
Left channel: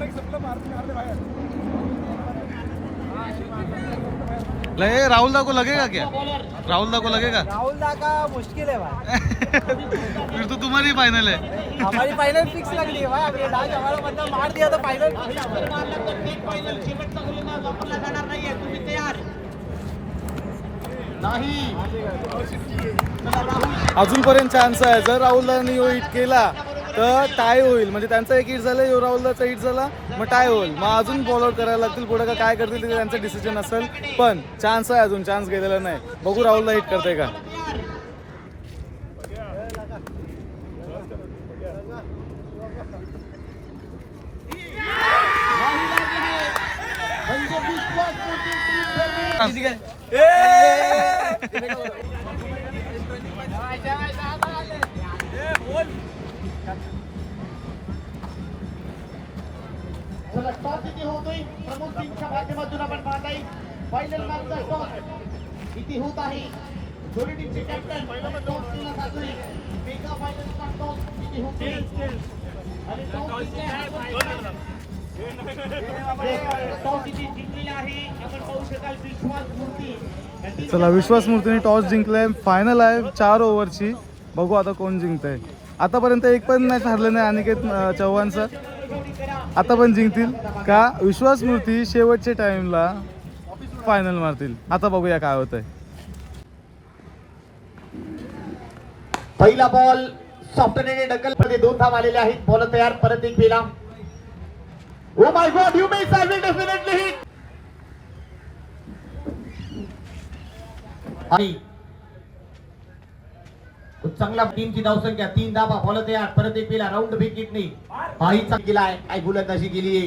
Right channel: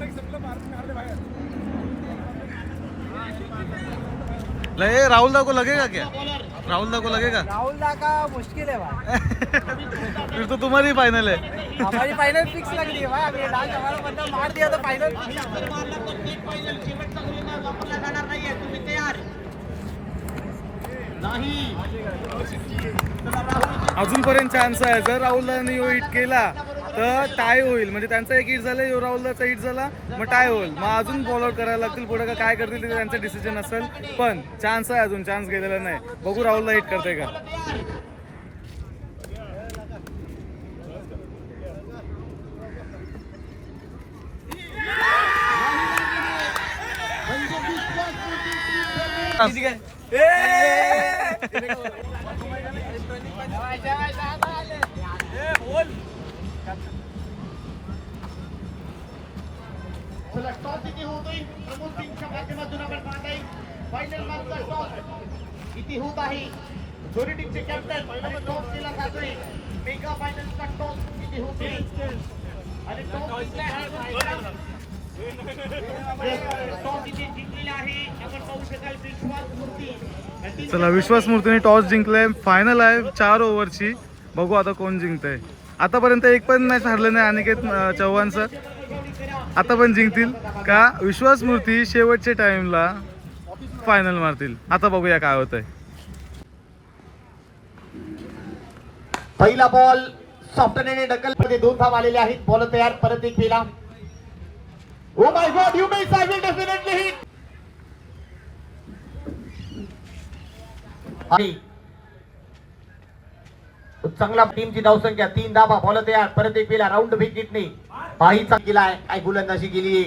ले राहुल दा को लगेगा क्या? राहुल दा को लगेगा? राहुल दा का मुश्किल है भाई. फिर तो तुम्हारी फाइनल है. हमारी फाइनल फिक्स लग रही है भाई. अभी लास्ट हमारा बंदा मार दिया तो फाइनल फिक्स. शेवटचा गोलंदाज वापरला जाणार नाहीये. तुम्ही तयार नाही. चला राहुल अजूनपर्यंत चान्स आहे. जर राहुलदानी हिट केला तर टाय होईल. म्हणजे त्यांचा एक हिट झाला यो राहुलदाचा हिट झाला मग टाय होईल. मग अजून बॉल आउट करायला लागतील. पुढे का काय करतील ते त्यांचं डिसिजन असेल. पण चान्स आहे अजून. चान्स गेलेला नाही. बघू राहुलला हिट करते का. किती होत आहे दोन्ही टीमचे कॅप्टन मेगा फायनलचा टॉस किती होते. चला विश्वास मूर्तीने टॉस जिंकलाय. फायनल आहे 4 ओव्हरची. बघू आता कोण जिंकतंय. आतापर्यंत एक पण मॅच हरलं नाही अनिकेत चव्हाणचं. आता पण जिंकतील का विश्वास मूर्ती शेवटच्या टाइमला फायनल मारतील. आता बघूया काय होतंय. पहिला बॉल सॉफ्टनेने ढकल मध्ये 2 धाव आलेले आहेत. बॉल तयार परत एक फेला. Oh my God you miss. I will definitely hit. आणि चांगला टीमची धावसंख्या 3 धावा बॉल तयार परत एक पेला राऊंड विकेटने बाईचा केलाय काय गोलंदाजी केली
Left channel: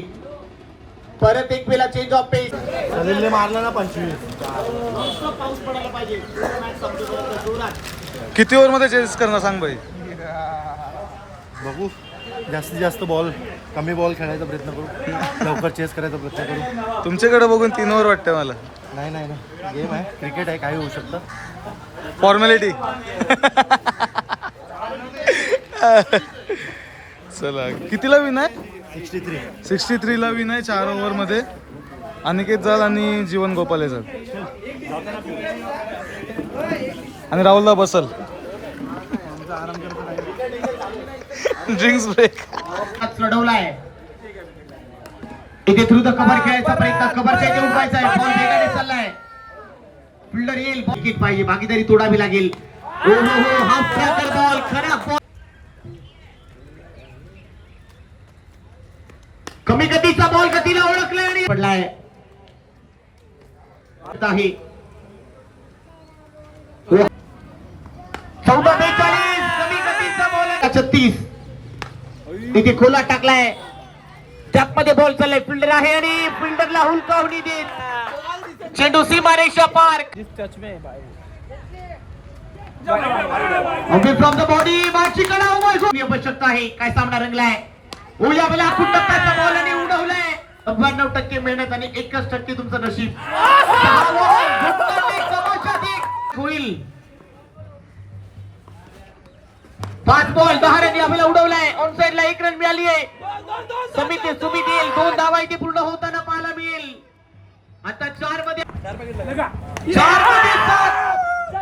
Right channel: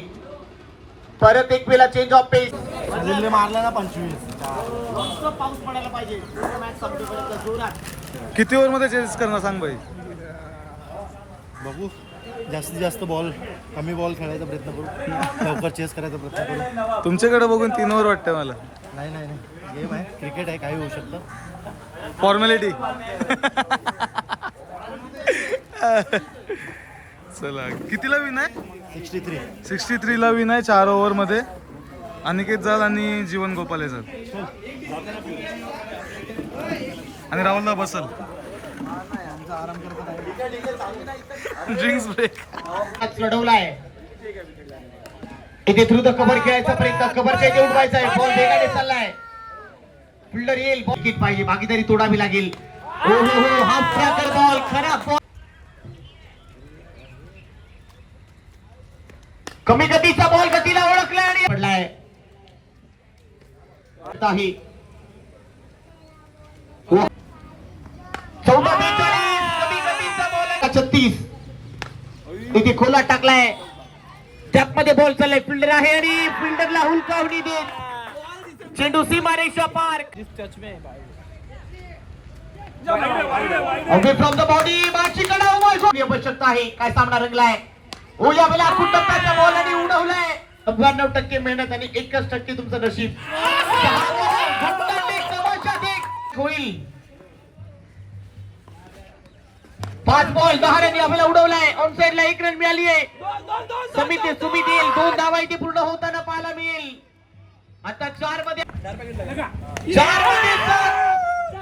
परत एक पेला चेंज ऑफ पेस मारला ना 25 पाऊस पडायला पाहिजे मॅच संपेपर्यंत जोरात किती ओव्हरमध्ये चेस करणार सांग भाई. बघू जास्तीत जास्त बॉल कमी बॉल खेळायचा प्रयत्न करू लवकर चेस करायचा प्रयत्न करू. तुमच्याकडे बघून 3 ओव्हर वाटतं मला. नाही नाही नाही गेम आहे क्रिकेट आहे काही होऊ शकतं. फॉर्मॅलिटी. चला कितीला विन आहे? 63 ला विन आहे 4 ओव्हरमध्ये. अनिकेत जाल आणि जीवन गोपाले जाल आणि राहुलला बसल. ड्रिंक्स ब्रेक लढवलाय इथे थ्रू द कव्हर खेळायचा प्रयत्न कव्हरच्या इथे उडवायचा आहे बॉल वेगाने चाललाय फिल्डर येईल बॉल पाहिजे भागीदारी तोडावी लागेल. हाफ ट्रॅकर बॉल खराब बॉल कमी गतीचा बॉल गतीला ओळखलाय आणि पडलाय आहे 14-42 कमी गतीचा बॉल 36 इथे खोला टाकलाय टॅप मध्ये बॉल चाललाय फिल्डर आहे आणि फिल्डरला हुलकावणी देत चेंडू सीमारेषा पार फ्रॉम द बॉडी बाची कडा आवश्यकता आहे काय सामना रंगलाय ओया बेला टप्प्याचा बॉल आणि उडवलाय 99% मेहनत आणि 1% तुमचं नशीब होईल 5 बॉल 10 रन आपल्याला उडवलाय ऑन साइडला 1 रन मिळाली आहे. सुमित येईल 2 धावा इथे पूर्ण होताना पाहायला मिळेल. आता 4 मध्ये 7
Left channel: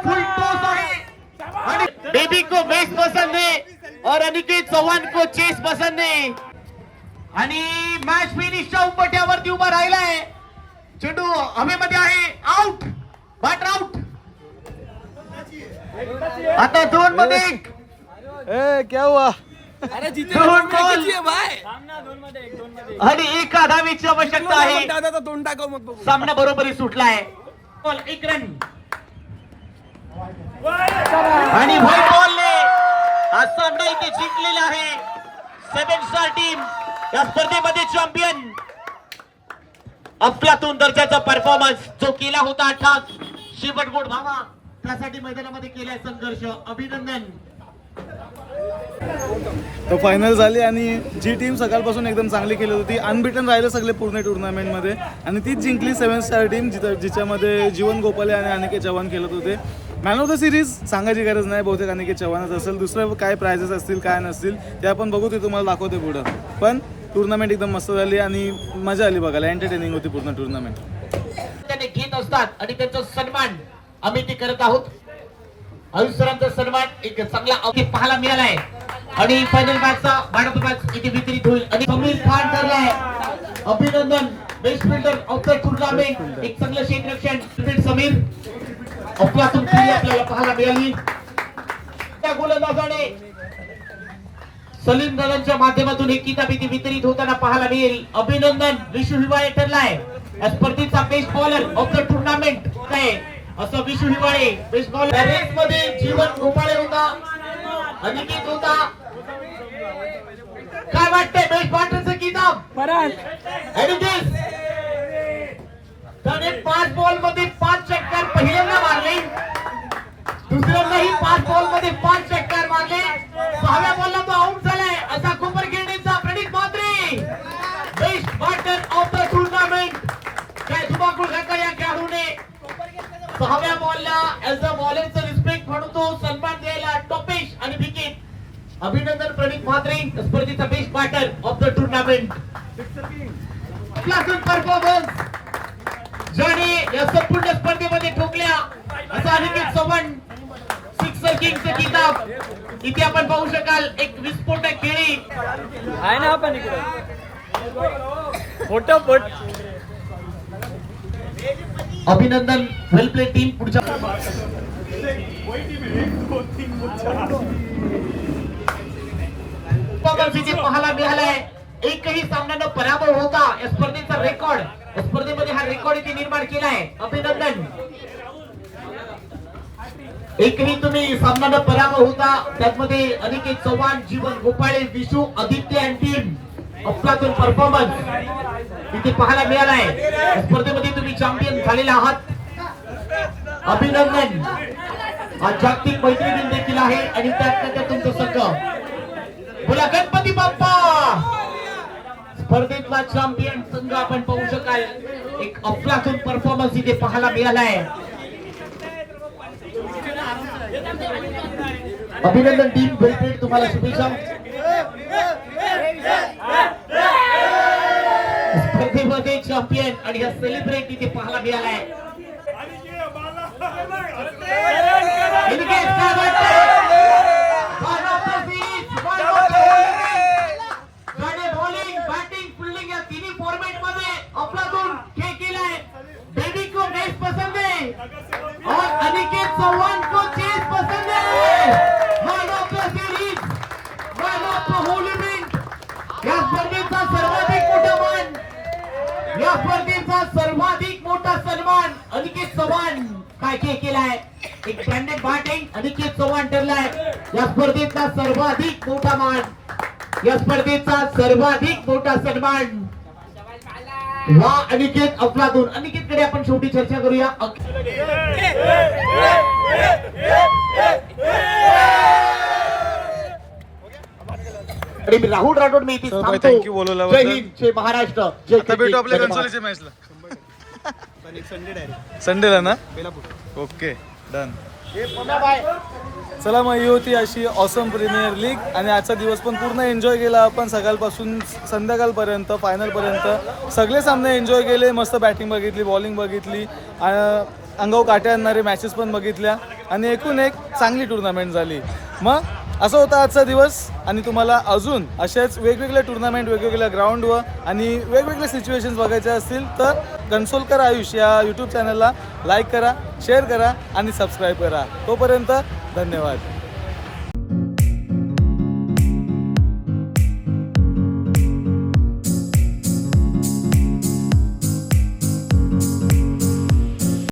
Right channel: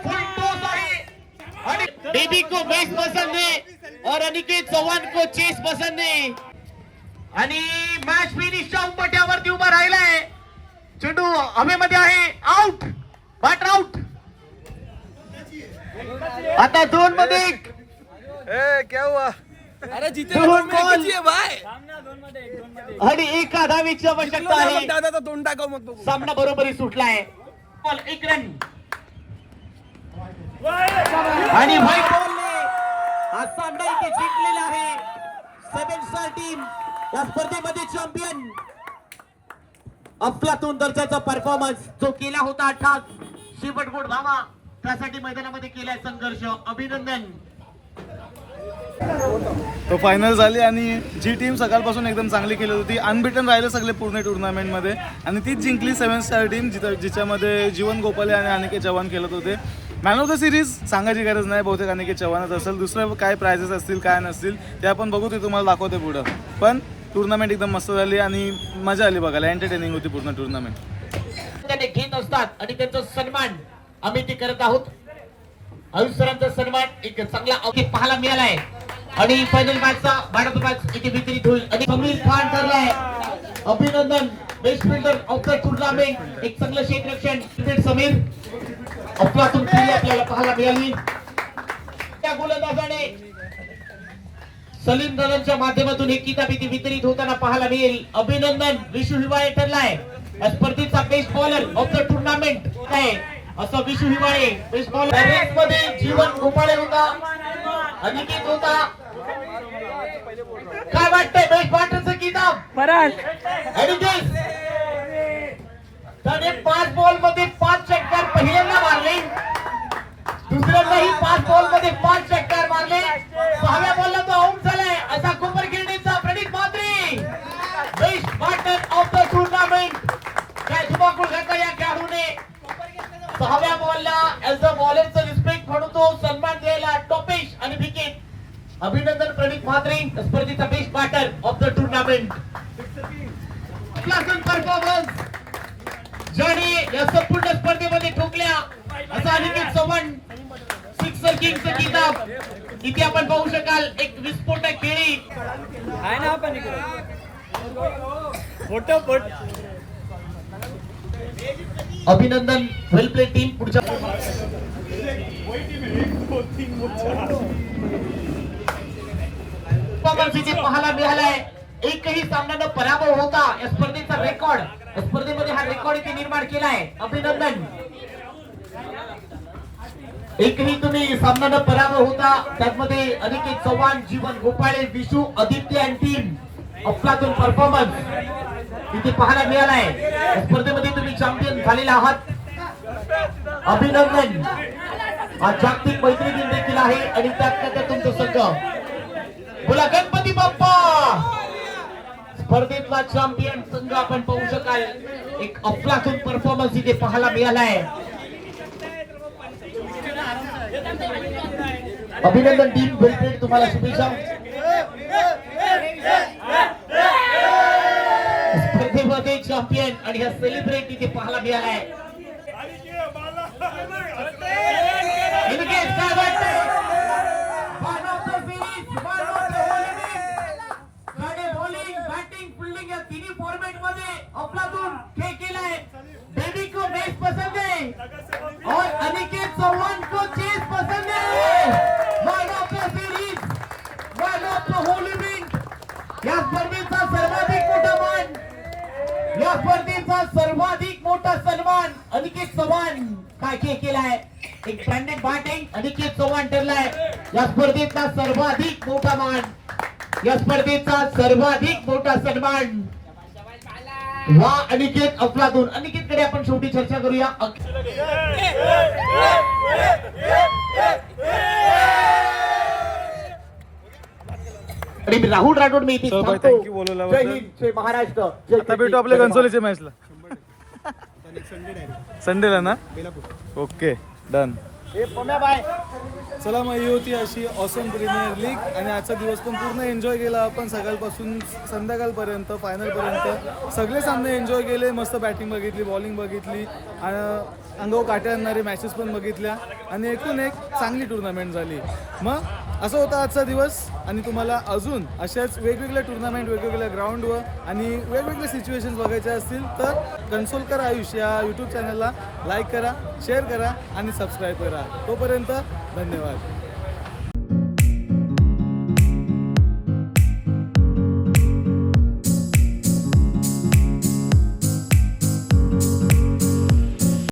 फुल टॉस आहे आणि बेबी को बेस पसंद है और अनिकेत चव्हाण को चेस पसंद है आणि मॅच फिनिशच्या उंबरठ्यावरती उभा राहिलाय. चेंडू हवेमध्ये आहे आउट बॅटर आउट. आता 2 मध्ये क्या हुआ? अरे जिथे भाई सामना 2 मध्ये आणि एका धावेची आवश्यकता आहे. दादा तोंड टाकव मग बघू. सामना बरोबरी सुटलाय बॉल 1 रन आणि व्हाईट बॉलने हा सामना इथे जिंकलेला आहे. 7 स्टार टीम या स्पर्धेमध्ये चॅम्पियन अफलातून दर्जाचा परफॉर्मन्स जो केला होता 18 शेवट गोड भामा त्यासाठी मैदानामध्ये केलाय संघर्ष. अभिनंदन. तो फायनल झाली आणि जी टीम सकाळपासून एकदम चांगली खेळत होती अनबिटन राहिले सगळे पूर्ण टुर्नामेंटमध्ये आणि तीच जिंकली 7 स्टार टीम जिच्यामध्ये जीवन गोपाले आणि अनिकेत चव्हाण खेळत होते. मॅन ऑफ द सिरीज सांगायची गरज नाही बहुतेक अनिकेत चव्हाणच असेल. दुसरं काय प्राइजेस असतील काय नसतील ते आपण बघू ते तुम्हाला दाखवते पुढं. पण टुर्नामेंट एकदम मस्त झाली आणि मजा आली बघायला. एंटरटेनिंग होती पूर्ण टुर्नामेंट. त्याने घेत असतात आणि त्यांचा सन्मान आम्ही ते करत आहोत. आयुष्यरांचा सन्मान एक चांगला अवधी पाहायला मिळालाय आणि फायनल मॅचचा भारत मॅच इथे वितरित होईल आणि समीर खान ठरलाय. अभिनंदन best fielder of the tournament. एक चांगलं क्षेत्ररक्षण समीर अफलातून खेळी आपल्याला पाहायला मिळाली. त्या गोलंदाजाने सलीम दादांच्या माध्यमातून एक किताब इथे वितरित होताना पाहायला मिळेल. अभिनंदन विशू हिवाळे ठरलाय या स्पर्धेचा best bowler of the tournament काय असं Vishu Hiwale best bowler. Race मध्ये जीवन गोपाळे होता अनिकेत होता. काय वाटतंय बेस्ट बॉलरचं किताब अनिकेत त्याने 5 बॉल मध्ये 5 षटकार पहिल्यांदा मारले. दुसऱ्यांदाही 5 बॉल मध्ये 5 षटकार मारले. 6व्या बॉलला तो आउट झालाय. असा कोपर खेळण्याचा Pranit Mhatre best bowler of the tournament. काय धुमाकूळ घातला या खेळाडूने. 6व्या बॉलला ऍज अ बॉलरचं रिस्पेक्ट म्हणून तो सन्मान द्यायला टॉपेश आणि विकेट. अभिनंदन प्रणित म्हात्रे स्पर्धेचा best bowler of the tournament. Klaasen performance ज्याने या संपूर्ण स्पर्धेमध्ये ठोकल्या असा अनिकेत चव्हाण सिक्सर किंगचं किताब इथे आपण पाहू शकाल. एक विस्फोटक खेळी आहे ना आपण मोठं पट. अभिनंदन वेल प्ले टीम. पुढच्या इथे पाहायला मिळालाय. एकही सामना न पराभव होता या स्पर्धेचा रेकॉर्ड स्पर्धेमध्ये हा रेकॉर्ड इथे निर्माण केलाय. अभिनंदन. एकवी तुम्ही सामन्यानं पराभव होता. त्यामध्ये अनिकेत चव्हाण, जीवन गोपाळे, विशू, आदित्य आणि टीम अफलातून परफॉर्मन्स इथे पाहायला मिळालाय. या स्पर्धेमध्ये तुम्ही चॅम्पियन झालेला आहात. अभिनंदन. आज जागतिक मैत्री दिन देखील आहे आणि त्यात तुमचं संघ बोला गणपती बाप्पा. स्पर्धेतला चॅम्पियन संघ आपण पाहू शकाल. एक अफलातून परफॉर्मन्स इथे पाहायला मिळालाय. अभिनंदन टीम, वेलप्लेड, तुम्हाला शुभेच्छा. स्पर्धेमध्ये चॅम्पियन आणि हा सेलिब्रेट इथे पाहायला मिळालाय. इनके काय वाटतंय? Man of the series, man of the series. ज्याने बॉलिंग, बॅटिंग, फिल्डिंग या तिन्ही फॉर्मॅट मध्ये अफलातून खेळ केलाय. बेबी को मैच पसंद है और अनिकेत चौहान को चेस पसंद है. Man of the series, man of the whole event. या स्पर्धेचा सर्वाधिक मोठा मान, या स्पर्धेचा सर्वाधिक मोठा सन्मान अनिकेत चव्हाण काय खेळ केलाय. एक ब्रँडेड बॅटिंग अनिकेत चव्हाण ठरलाय. या स्पर्धेचा सर्वाधिक मोठा मान, या स्पर्धेचा सर्वाधिक मोठा सन्मान. वा अनिकेत अफलातून. अनिकेत कडे आपण शेवटी चर्चा करूया. आणि मी राहुल राठोड मी इथे तर भाई, थांबतो. thank you बोलवल्याबद्दल. जय हिंद, जय महाराष्ट्र, जय आता भेटू आपल्या धन्यवाद. कन्सोलीच्या मॅचला संडे डायरेक्ट संडेला ना. बेलापूर. Okay done. चला मग ही होती अशी ऑसम प्रीमियर लीग आणि आजचा दिवस पण पूर्ण एन्जॉय केला आपण. सकाळपासून संध्याकाळपर्यंत फायनलपर्यंत सगळे सामने एन्जॉय केले. मस्त बॅटिंग बघितली, बॉलिंग बघितली, अंगावर काट्या आणणारे मॅचेस पण बघितल्या आणि एकूण एक चांगली टुर्नामेंट झाली. मग असं होता आजचा दिवस आणि तुम्हाला अजून अशाच वेगवेगळ्या टुर्नामेंट वेगवेगळ्या ग्राउंडवर आणि वेगवेगळे सिच्युएशन्स बघायचे असतील तर कन्सोलकर आयुष या यूट्यूब चॅनलला लाईक करा, शेअर करा आणि सबस्क्राईब करा. तोपर्यंत धन्यवाद.